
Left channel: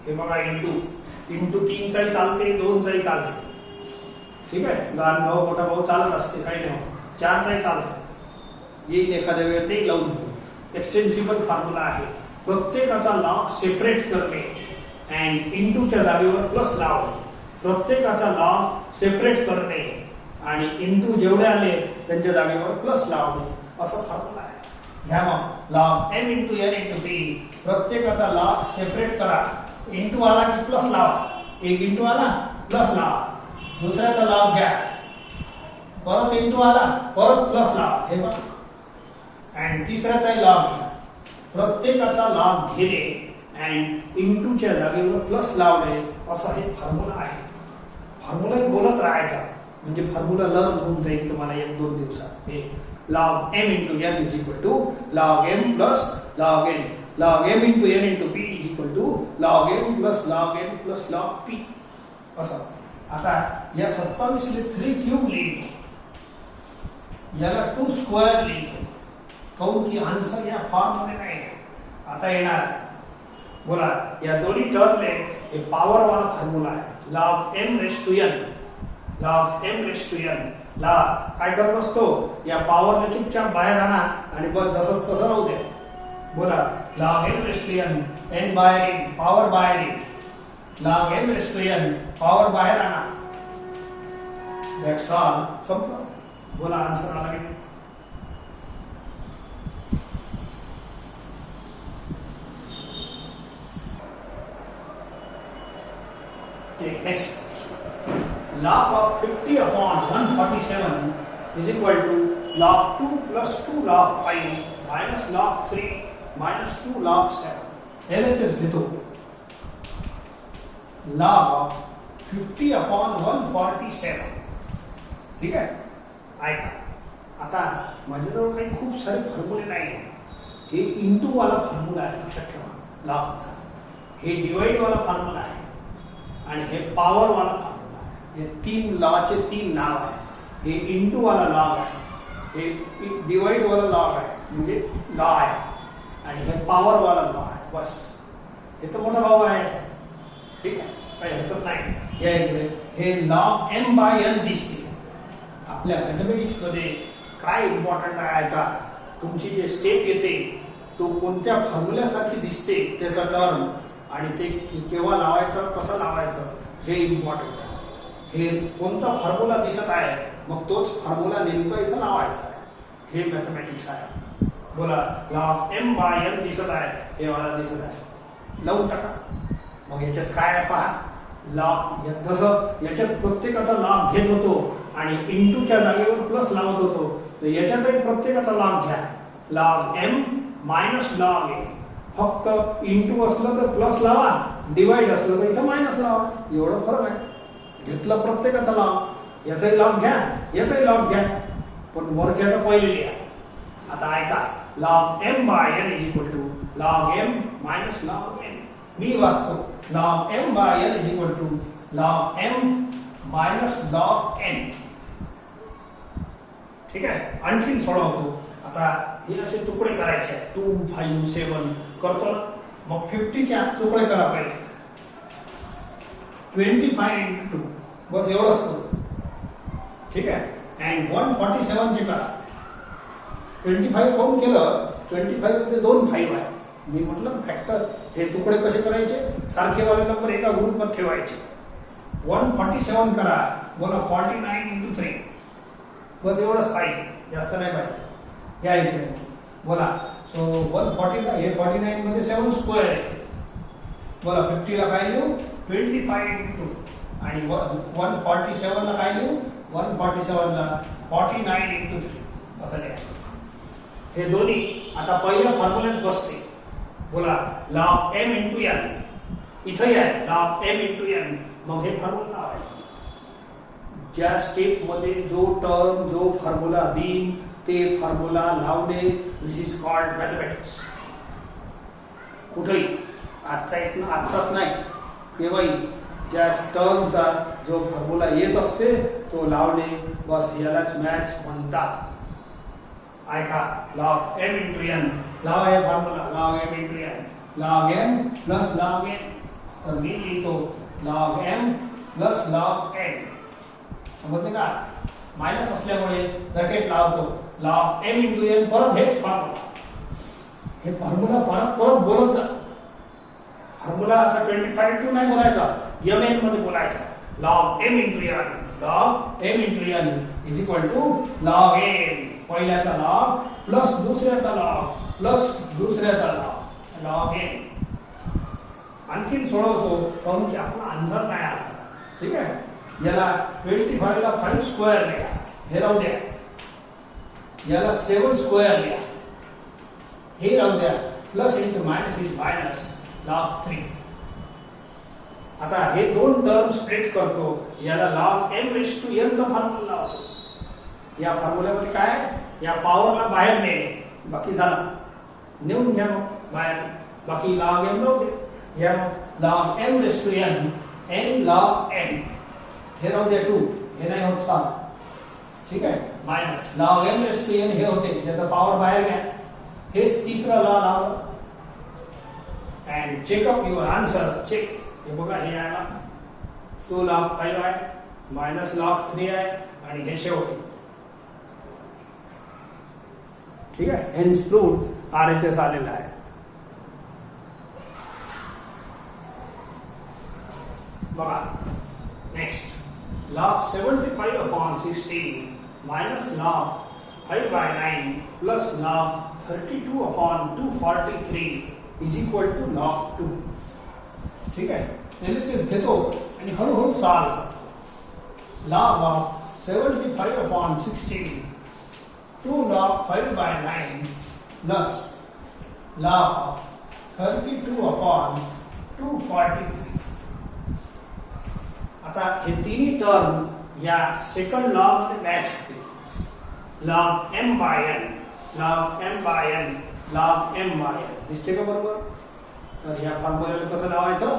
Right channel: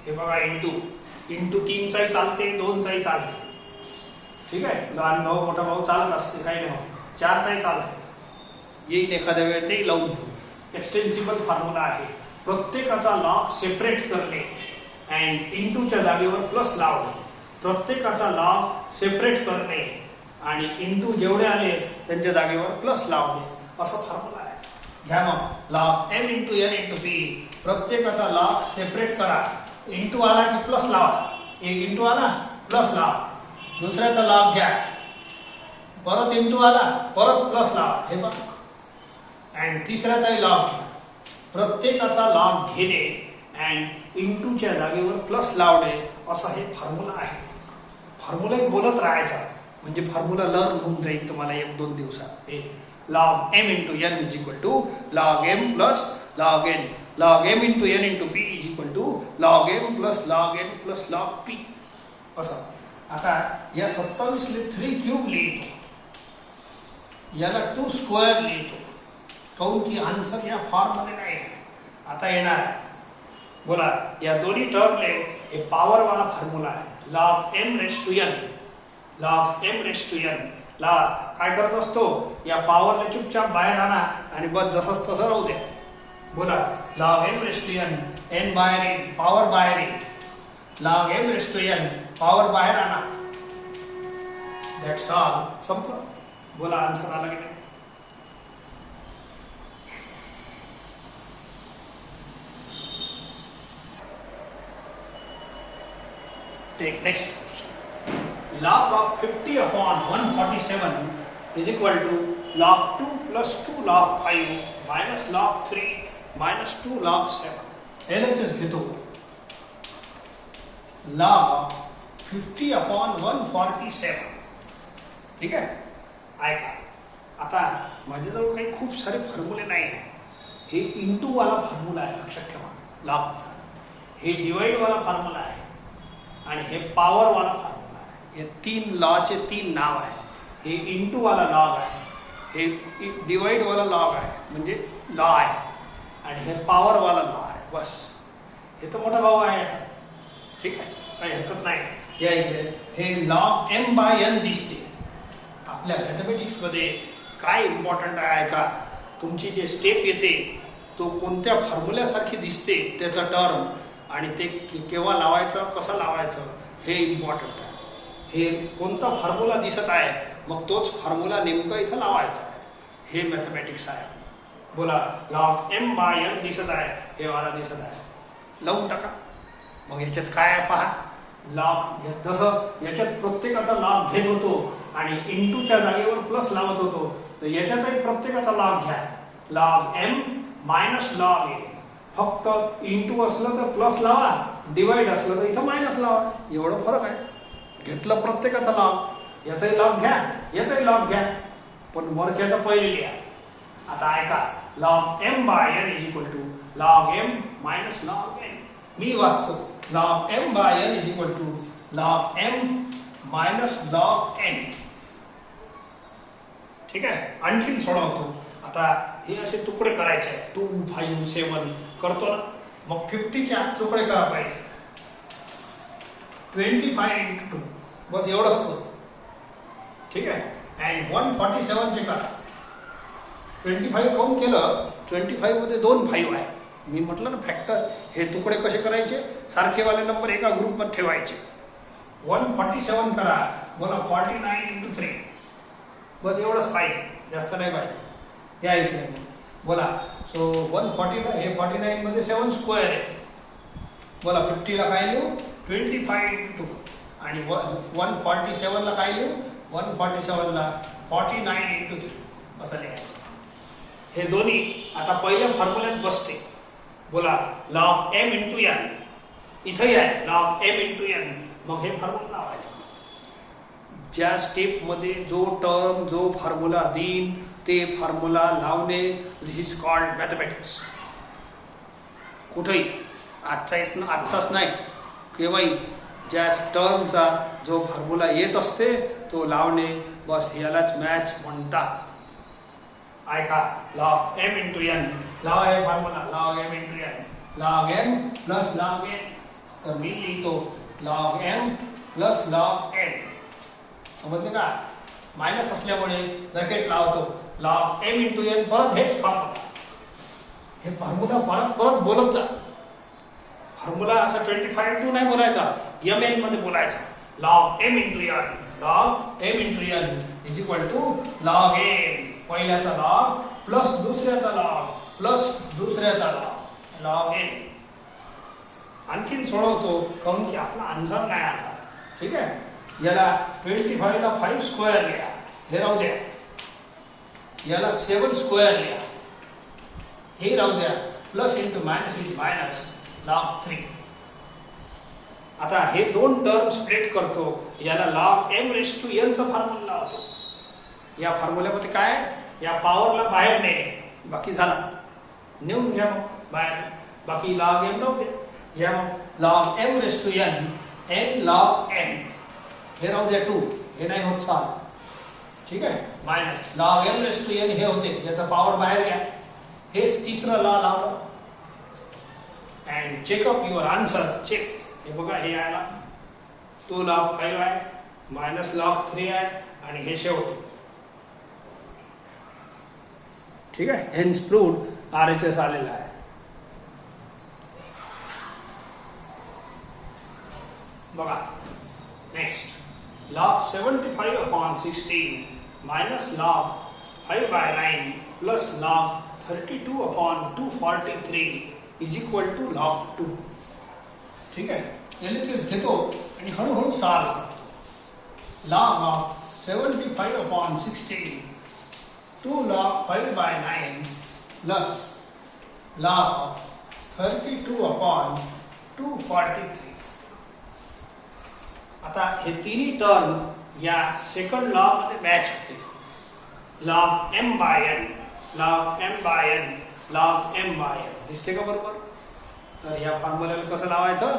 हे बघा इंटू 3 चाही चालते 2 चाही चालते. ठीक आहे. लहान भाऊ मोठा भाऊ चालत असते काही नाही. 4 चाही चालते येईल एखाद्या वेळ ते लावून घेऊ. एक्सटेन्सिबल फॉर्म्युला आहे. प्रत्येकाचा लॉग सेपरेट करणे अँड इंटूच्या जागेवर प्लस लावणे. प्रत्येकाचा लॉग सेपरेट करणे आणि इंटू जेवढे आले त्यांच्या जागेवर प्लस लावणे असं फॉर्म्युला आहे. घ्या मग log m × n × p. प्रत्येकाचा लॉग सेपरेट करा. इंटू आला की प्लस लावा. एक इंटू आला प्लस लावा. दुसऱ्याचा लॉग घ्या परत इंटू आला परत प्लस लावा. हे बघा अँड तिसऱ्याचाही लॉग घ्या. प्रत्येकाचा लॉग घेणे अँड इंटूच्या जागेवर प्लस लावणे असं हे फॉर्म्युला आहे. फॉर्म्युला बोलत राहायचा म्हणजे फॉर्म्युला लर्न होऊन जाईल तुम्हाला 1-2 दिवसात. हे log m × n is equal to log m plus log n. log m × n × p is equal to log m plus log n plus log p असं. आता या 27 ले 3 क्यूब लिहितो. याला 2 स्क्वेअर लिहितो. काऊन की आन्सर या फॉर्म मध्ये नाही. आता येणार आहे बोला या दोन्ही टर्मले हे पॉवर वाला फॉर्म्युला आहे. log m raised to n. log m raised to n ला काय करत असतो या पॉवरने चुपचाप बाहेर आणा आणि बस जसंच तसं राहू द्या. बोला log m raised to n n बाहेर येईल पॉवर बाहेर येईल. log m raised to n power बाहेर आणा. That's all. संपलं. बोला आन्सर आला की नाही. Take next question. Log of 50 upon 147 is equal to log 2 plus 2 log 5 minus log 3 minus 2 log 7. LHS घेतो. Log of 50 upon 147. ठीक आहे. ऐका आता माझ्याजवळ काही खूप सारे फॉर्म्युले नाही आहे. हे इंटू वाला फॉर्म्युला आहे लक्षात ठेवा लॉगचा. हे डिवाइड वाला फॉर्म्युला आहे आणि हे पॉवर वाला फॉर्म्युला आहे. हे 3 लॉचे 3 नाव आहे. हे इंटू वाला लॉग आहे. हे डिवाइड वाला लॉग आहे म्हणजे लॉ आहे आणि हे पॉवर वाला लॉ आहे. बस हे तर मोठा भाव आहे. ठीक आहे काही हरकत नाही. या इकडे हे लॉग m/n दिसते. आपल्या मॅथमॅटिक्स मध्ये काय इम्पॉर्टंट आहे का तुमची जे स्टेप येते तो कोणत्या फॉर्म्युल्यासारखी दिसते त्याचा टर्म आणि ते केव्हा लावायचं कसं लावायचं हे इम्पॉर्टंट आहे. हे कोणता फॉर्म्युला दिसत आहे मग तोच फॉर्म्युला नेमका इथं लावायचा आहे. हे मॅथमॅटिक्स आहे. बोला log m/n दिसत आहे हे मला दिसत आहे लावून टाका. मग याच्यात काय आहे पहा. लॉग जसं याच्यात प्रत्येकाचा लॉग घेत होतो आणि इंटूच्या जागेवर प्लस लावत होतो तर याच्यातही प्रत्येकाचा लॉग घ्या. log m minus log a. फक्त इंटू असलं तर प्लस लावा डिवाइड असलं तर इथं मायनस लावा एवढं फरक आहे. घेतलं प्रत्येकाचा लॉग याचाही लॉग घ्या याचाही लॉग घ्या पण वरच्याचं पहिले लिहा. आता ऐका log m/n is equal to log m minus log n. मी वाचतो log m/n is equal to log m minus log n. ठीक आहे. आणखीन सोडवतो. आता हे असे तुकडे करायचे 2 5 7 करतो ना मग 50 च्या तुकडे करा पाहिजे 25 into 2 बस एवढंच असतं. ठीक आहे. अँड 147 चे करा 25 काउंट केलं 25 मध्ये 2 5 आहे. मी म्हटलं ना फॅक्टर हे तुकडे कसे करायचे सारखेवाले नंबर एका ग्रुपमध्ये ठेवायचे. 147 करा बोला 49 into 3 बस एवढंच पाहिजे जास्त नाही पाहिजे. या इथे बोला सो 140 हे 49 मध्ये 7 स्क्वेअर आहे बोला 50 ला काय लिहू 25 into 2 आणि 147 ला काय लिहू 147 ला 49 into 3 असं लिहायचं. हे दोन्ही आता पहिल्या फॉर्म्युल्यात बसते बोला log m into n इथे आहे log m into n मग हे फॉर्म्युला लावायचं. ज्या स्टेप मध्ये जो टर्म जो फॉर्म्युला देईन ते फॉर्म्युला लावणे दिस इज कॉल्ड मॅथमॅटिक्स. कुठेही आजचाच नाही केव्हाही ज्या टर्मचा जो फॉर्म्युला येत असते तो लावणे बस यालाच मॅथ्स म्हणतात. ऐका log m into n log आहे formula log m into n log m plus log n तर मी लिहितो log m plus log n समजले का. मायनस असल्यामुळे ब्रॅकेट लावतो log m into n परत हेच फॉर्म्युला हे फॉर्म्युला परत बोलत जा. फॉर्म्युला असा 25 into नाही बोलायचा mn मध्ये बोलायचा. log m into n log m into n is equal to log m पहिल्याचा log plus दुसऱ्याचा log प्लस दुसऱ्याचा log n. आणखीन सोडवतो कारण की आपला आन्सर नाही आला. ठीक आहे. याला 25 ला 5 स्क्वेअर लिहा हे राहू द्या. याला 7 स्क्वेअर लिहा हे राहू द्या. Plus into minus is minus log 3. आता हे दोन टर्म स्प्लिट करतो याला log m raised to n चा फॉर्म्युला लावतो. या फॉर्म्युल्यामध्ये काय या पॉवरला बाहेर नेणे बाकी झाला नेऊन घ्या मग बाहेर बाकी log m राहू दे. या log m raised to n log m हे राहू दे 2 हे नाही होत चाल. ठीक आहे. Minus log m raised to n हे होते याचा पॉवर बाहेर घ्या हेच तिसरा लॉ लावलं. And check up your answer check हे बघा हे आला तो log 5 आहे मायनस log 3 आहे आणि हे शेवटी. ठीक आहे. हेन्स प्रूव्ड RHS आलेला आहे. बघा next log 75 upon 16 minus log 5 by 9 plus log 32 upon 243 is equal to log 2. ठीक आहे. LHS घेतो आणि हळूहळू solve log of 75 upon 16 2 log 5 by 9 plus log of 32 upon 243. आता हे तिन्ही टर्म या सेकंड लॉ मध्ये मॅच होते. log m by n log m by n log m by n दिसते का बरोबर. तर या फॉर्म्युल्याला कसं लावायचं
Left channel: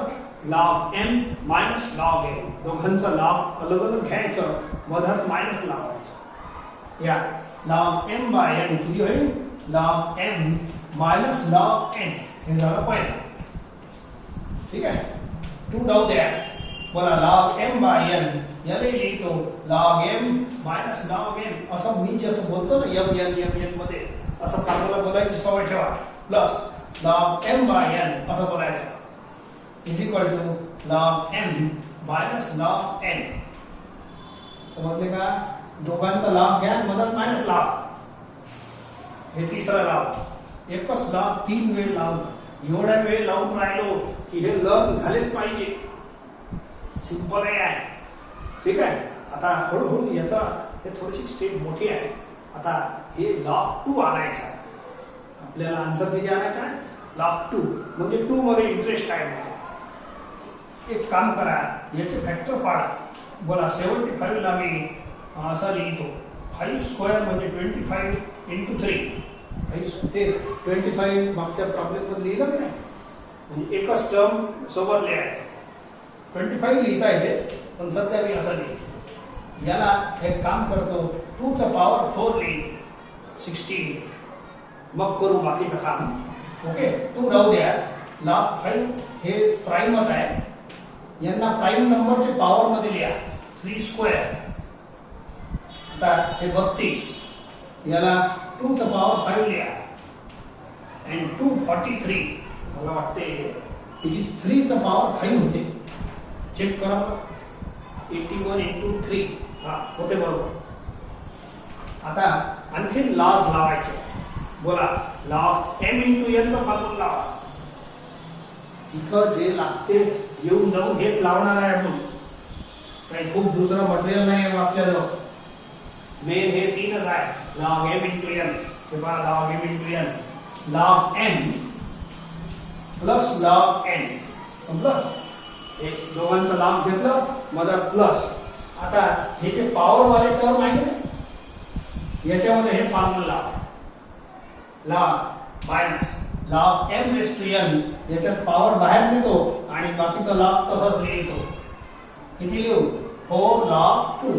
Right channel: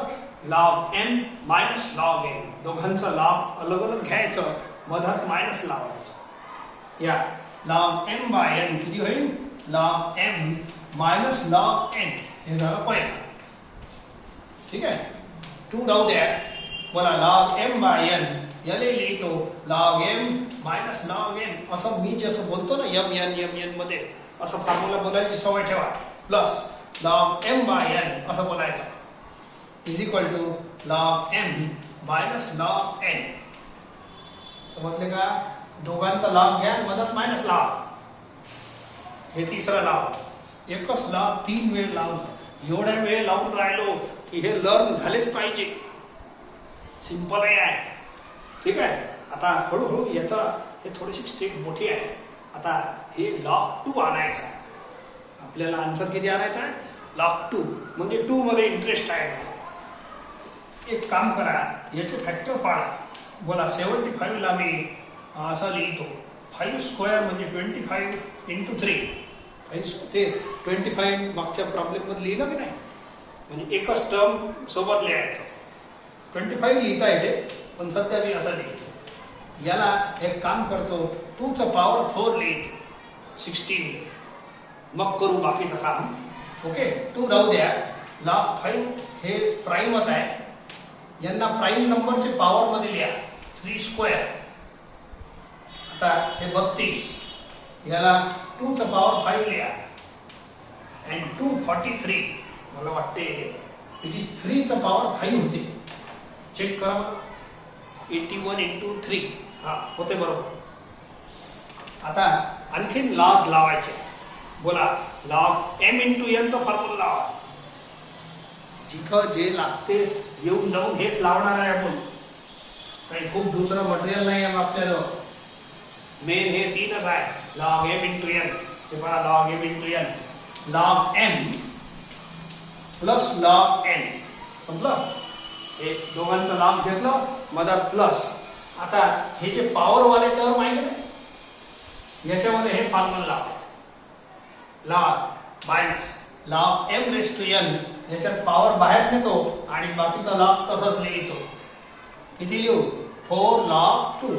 log m minus log m दोघांचा log अलग अलग घ्यायचं मधात मायनस लावायचं. या log m by n किती होईल log m minus log n हे झालं पहिलं. ठीक आहे. 2 राहू द्या बोला log m by n याने लिहितो log m minus log n असं मी जसं बोलतो ना m मध्ये असं फॉर्म्युला बोलायची सवय ठेवा. Plus log m by n असं बोलायचं is equal to log m minus log n. समजले का. दोघांचा log घ्या मधात मायनस लावा. हे तिसरा लाव एकच लाव 3 वेळ लावून एवढ्या वेळ लावून राहिलो की हे लर्न झालेच पाहिजे. सिंपल आहे. ठीक आहे. आता हळूहळू याचा हे थोडीशी स्टेप मोठी आहे. आता हे log 2 आणायचा आपल्याला. आन्सर किती आणायचा आहे log 2 म्हणजे 2 मध्ये इंटरेस्ट आहे. एक काम करा याचे फॅक्टर पाडा. बोला 75 ला मी असा लिहितो 5 स्क्वेअर म्हणजे 25 into 3 ते 25 मागच्या प्रॉब्लेम मध्ये लिहिलं की नाही म्हणजे एकच टर्म सोबत लिहायचं. 25 लिहिता येते पण सध्या मी असं लिहितो. याला एक काम करतो 2 चा पॉवर 4 लिहितो 16 मग करू बाकीचं काम. ओके. 2 राहू द्या लॉग 5 हे प्राईमच आहे. यांना प्राईम नंबरचे पॉवर मध्ये लिहा. 3 स्क्वेअर. आता हे 32, याला 2 चा पॉवर 5 लिहा. and 243 मला वाटते इट इज 3 चा पॉवर 5 होते. चेक करा बरं. 81 into 3 हा होते बरोबर. आता आणखीन लॉग लावायचे. बोला लॉग m into n चा फॉर्म्युला लावा. जिथं जे लागते येऊन जाऊन हेच लावणार आहे आपण. काही खूप दुसरं मटेरियल नाही आहे आपल्याला. मेन हे तीनच आहे. Log m into n. हे पहा log m into n. Log m plus log n. समजलं? हे दोघांचं लॉग घेतलं मदर प्लस. आता हे जे पॉवर वाले टर्म आहे ना याच्यामध्ये हे फॉर्म्युला लावा. Log minus log m raise to n. याच्यात पॉवर बाहेर नेतो आणि बाकीचा लॉग तसाच लिहितो. किती लिहू? 4 log 2.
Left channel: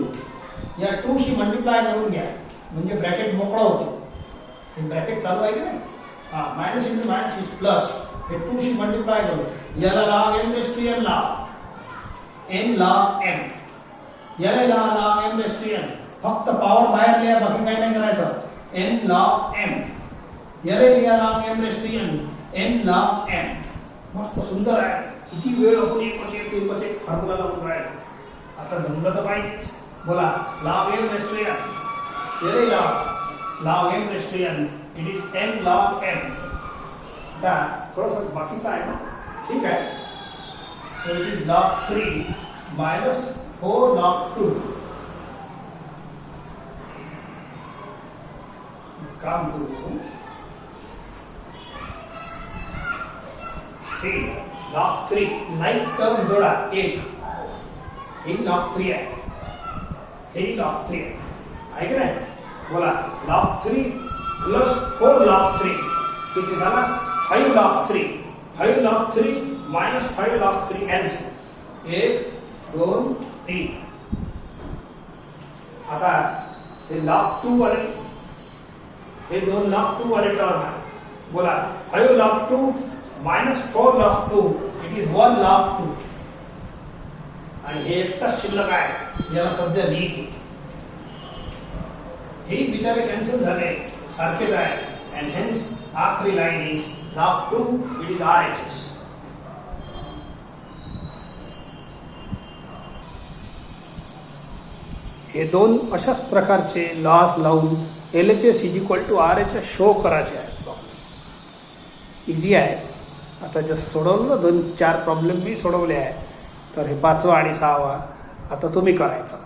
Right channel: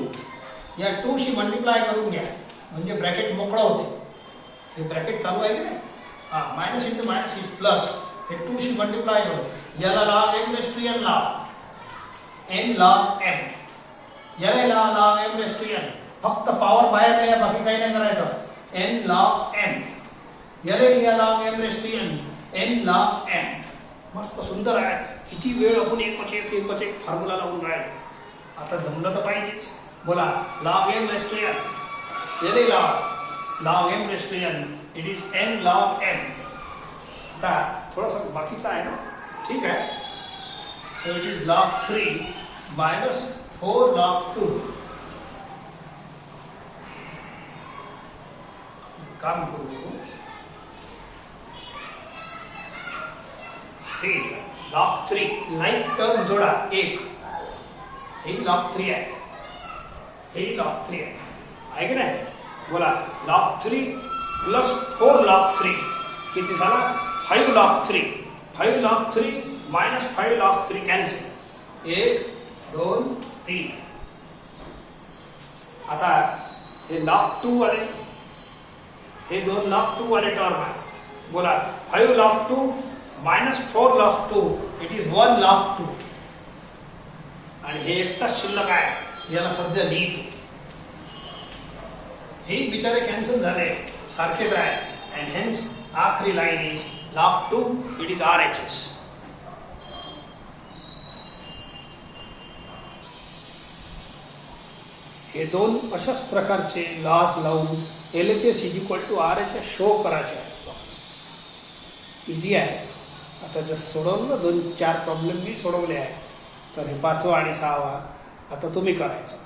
या 2 शी मल्टिप्लाय करून घ्या म्हणजे ब्रॅकेट मोकळं होते. हे ब्रॅकेट चालू आहे की नाही? Minus into minus is plus. हे 2 शी मल्टिप्लाय करू. याला log m raise to n लावा. n log m. याला log m raise to n. फक्त पॉवर बाहेर लिहा, बाकी काही नाही करायचं. n log m. याला लिहा log m raise to n. n log m. मस्त सुंदर आहे. किती वेळ आपण एकच एक फॉर्म्युला लावून राहिलो. आता जमलं तर पाहिजेच. बोला log m raise to n. याला log m raise to n. It is n log m. आता थोडंसं बाकीचं आहे ना. ठीक आहे. So it is log 3 minus 4 log 2. काम करू. सी log 3 लाईक टर्म जोडा 1. हे log 3 आहे. हे log 3 आहे की नाही? बोला log 3 प्लस 4 log 3 किती झाला? 5 log 3. 5 log 3 minus 5 log 3 cancel. 1 2 3. आता हे log 2 वाले हे 2 log 2 वाले टर्म आहे. बोला 5 log 2 minus 4 log 2 it is 1 log 2. आणि हे एकटाच शिल्लक आहे. याला सध्या लिहितो. हे बिचारे कॅन्सल झाले. सारखेच आहे. and hence आखरी line is log 2 it is RHS. हे दोन अशाच प्रकारचे लॉस लावून LHS is equal to RHS show करायचे आहे. इझी आहे. आता जसं सोडवलं ना 2-4 प्रॉब्लेम मी सोडवले आहे. तर हे 5वा आणि 6वा आता तुम्ही करायचा.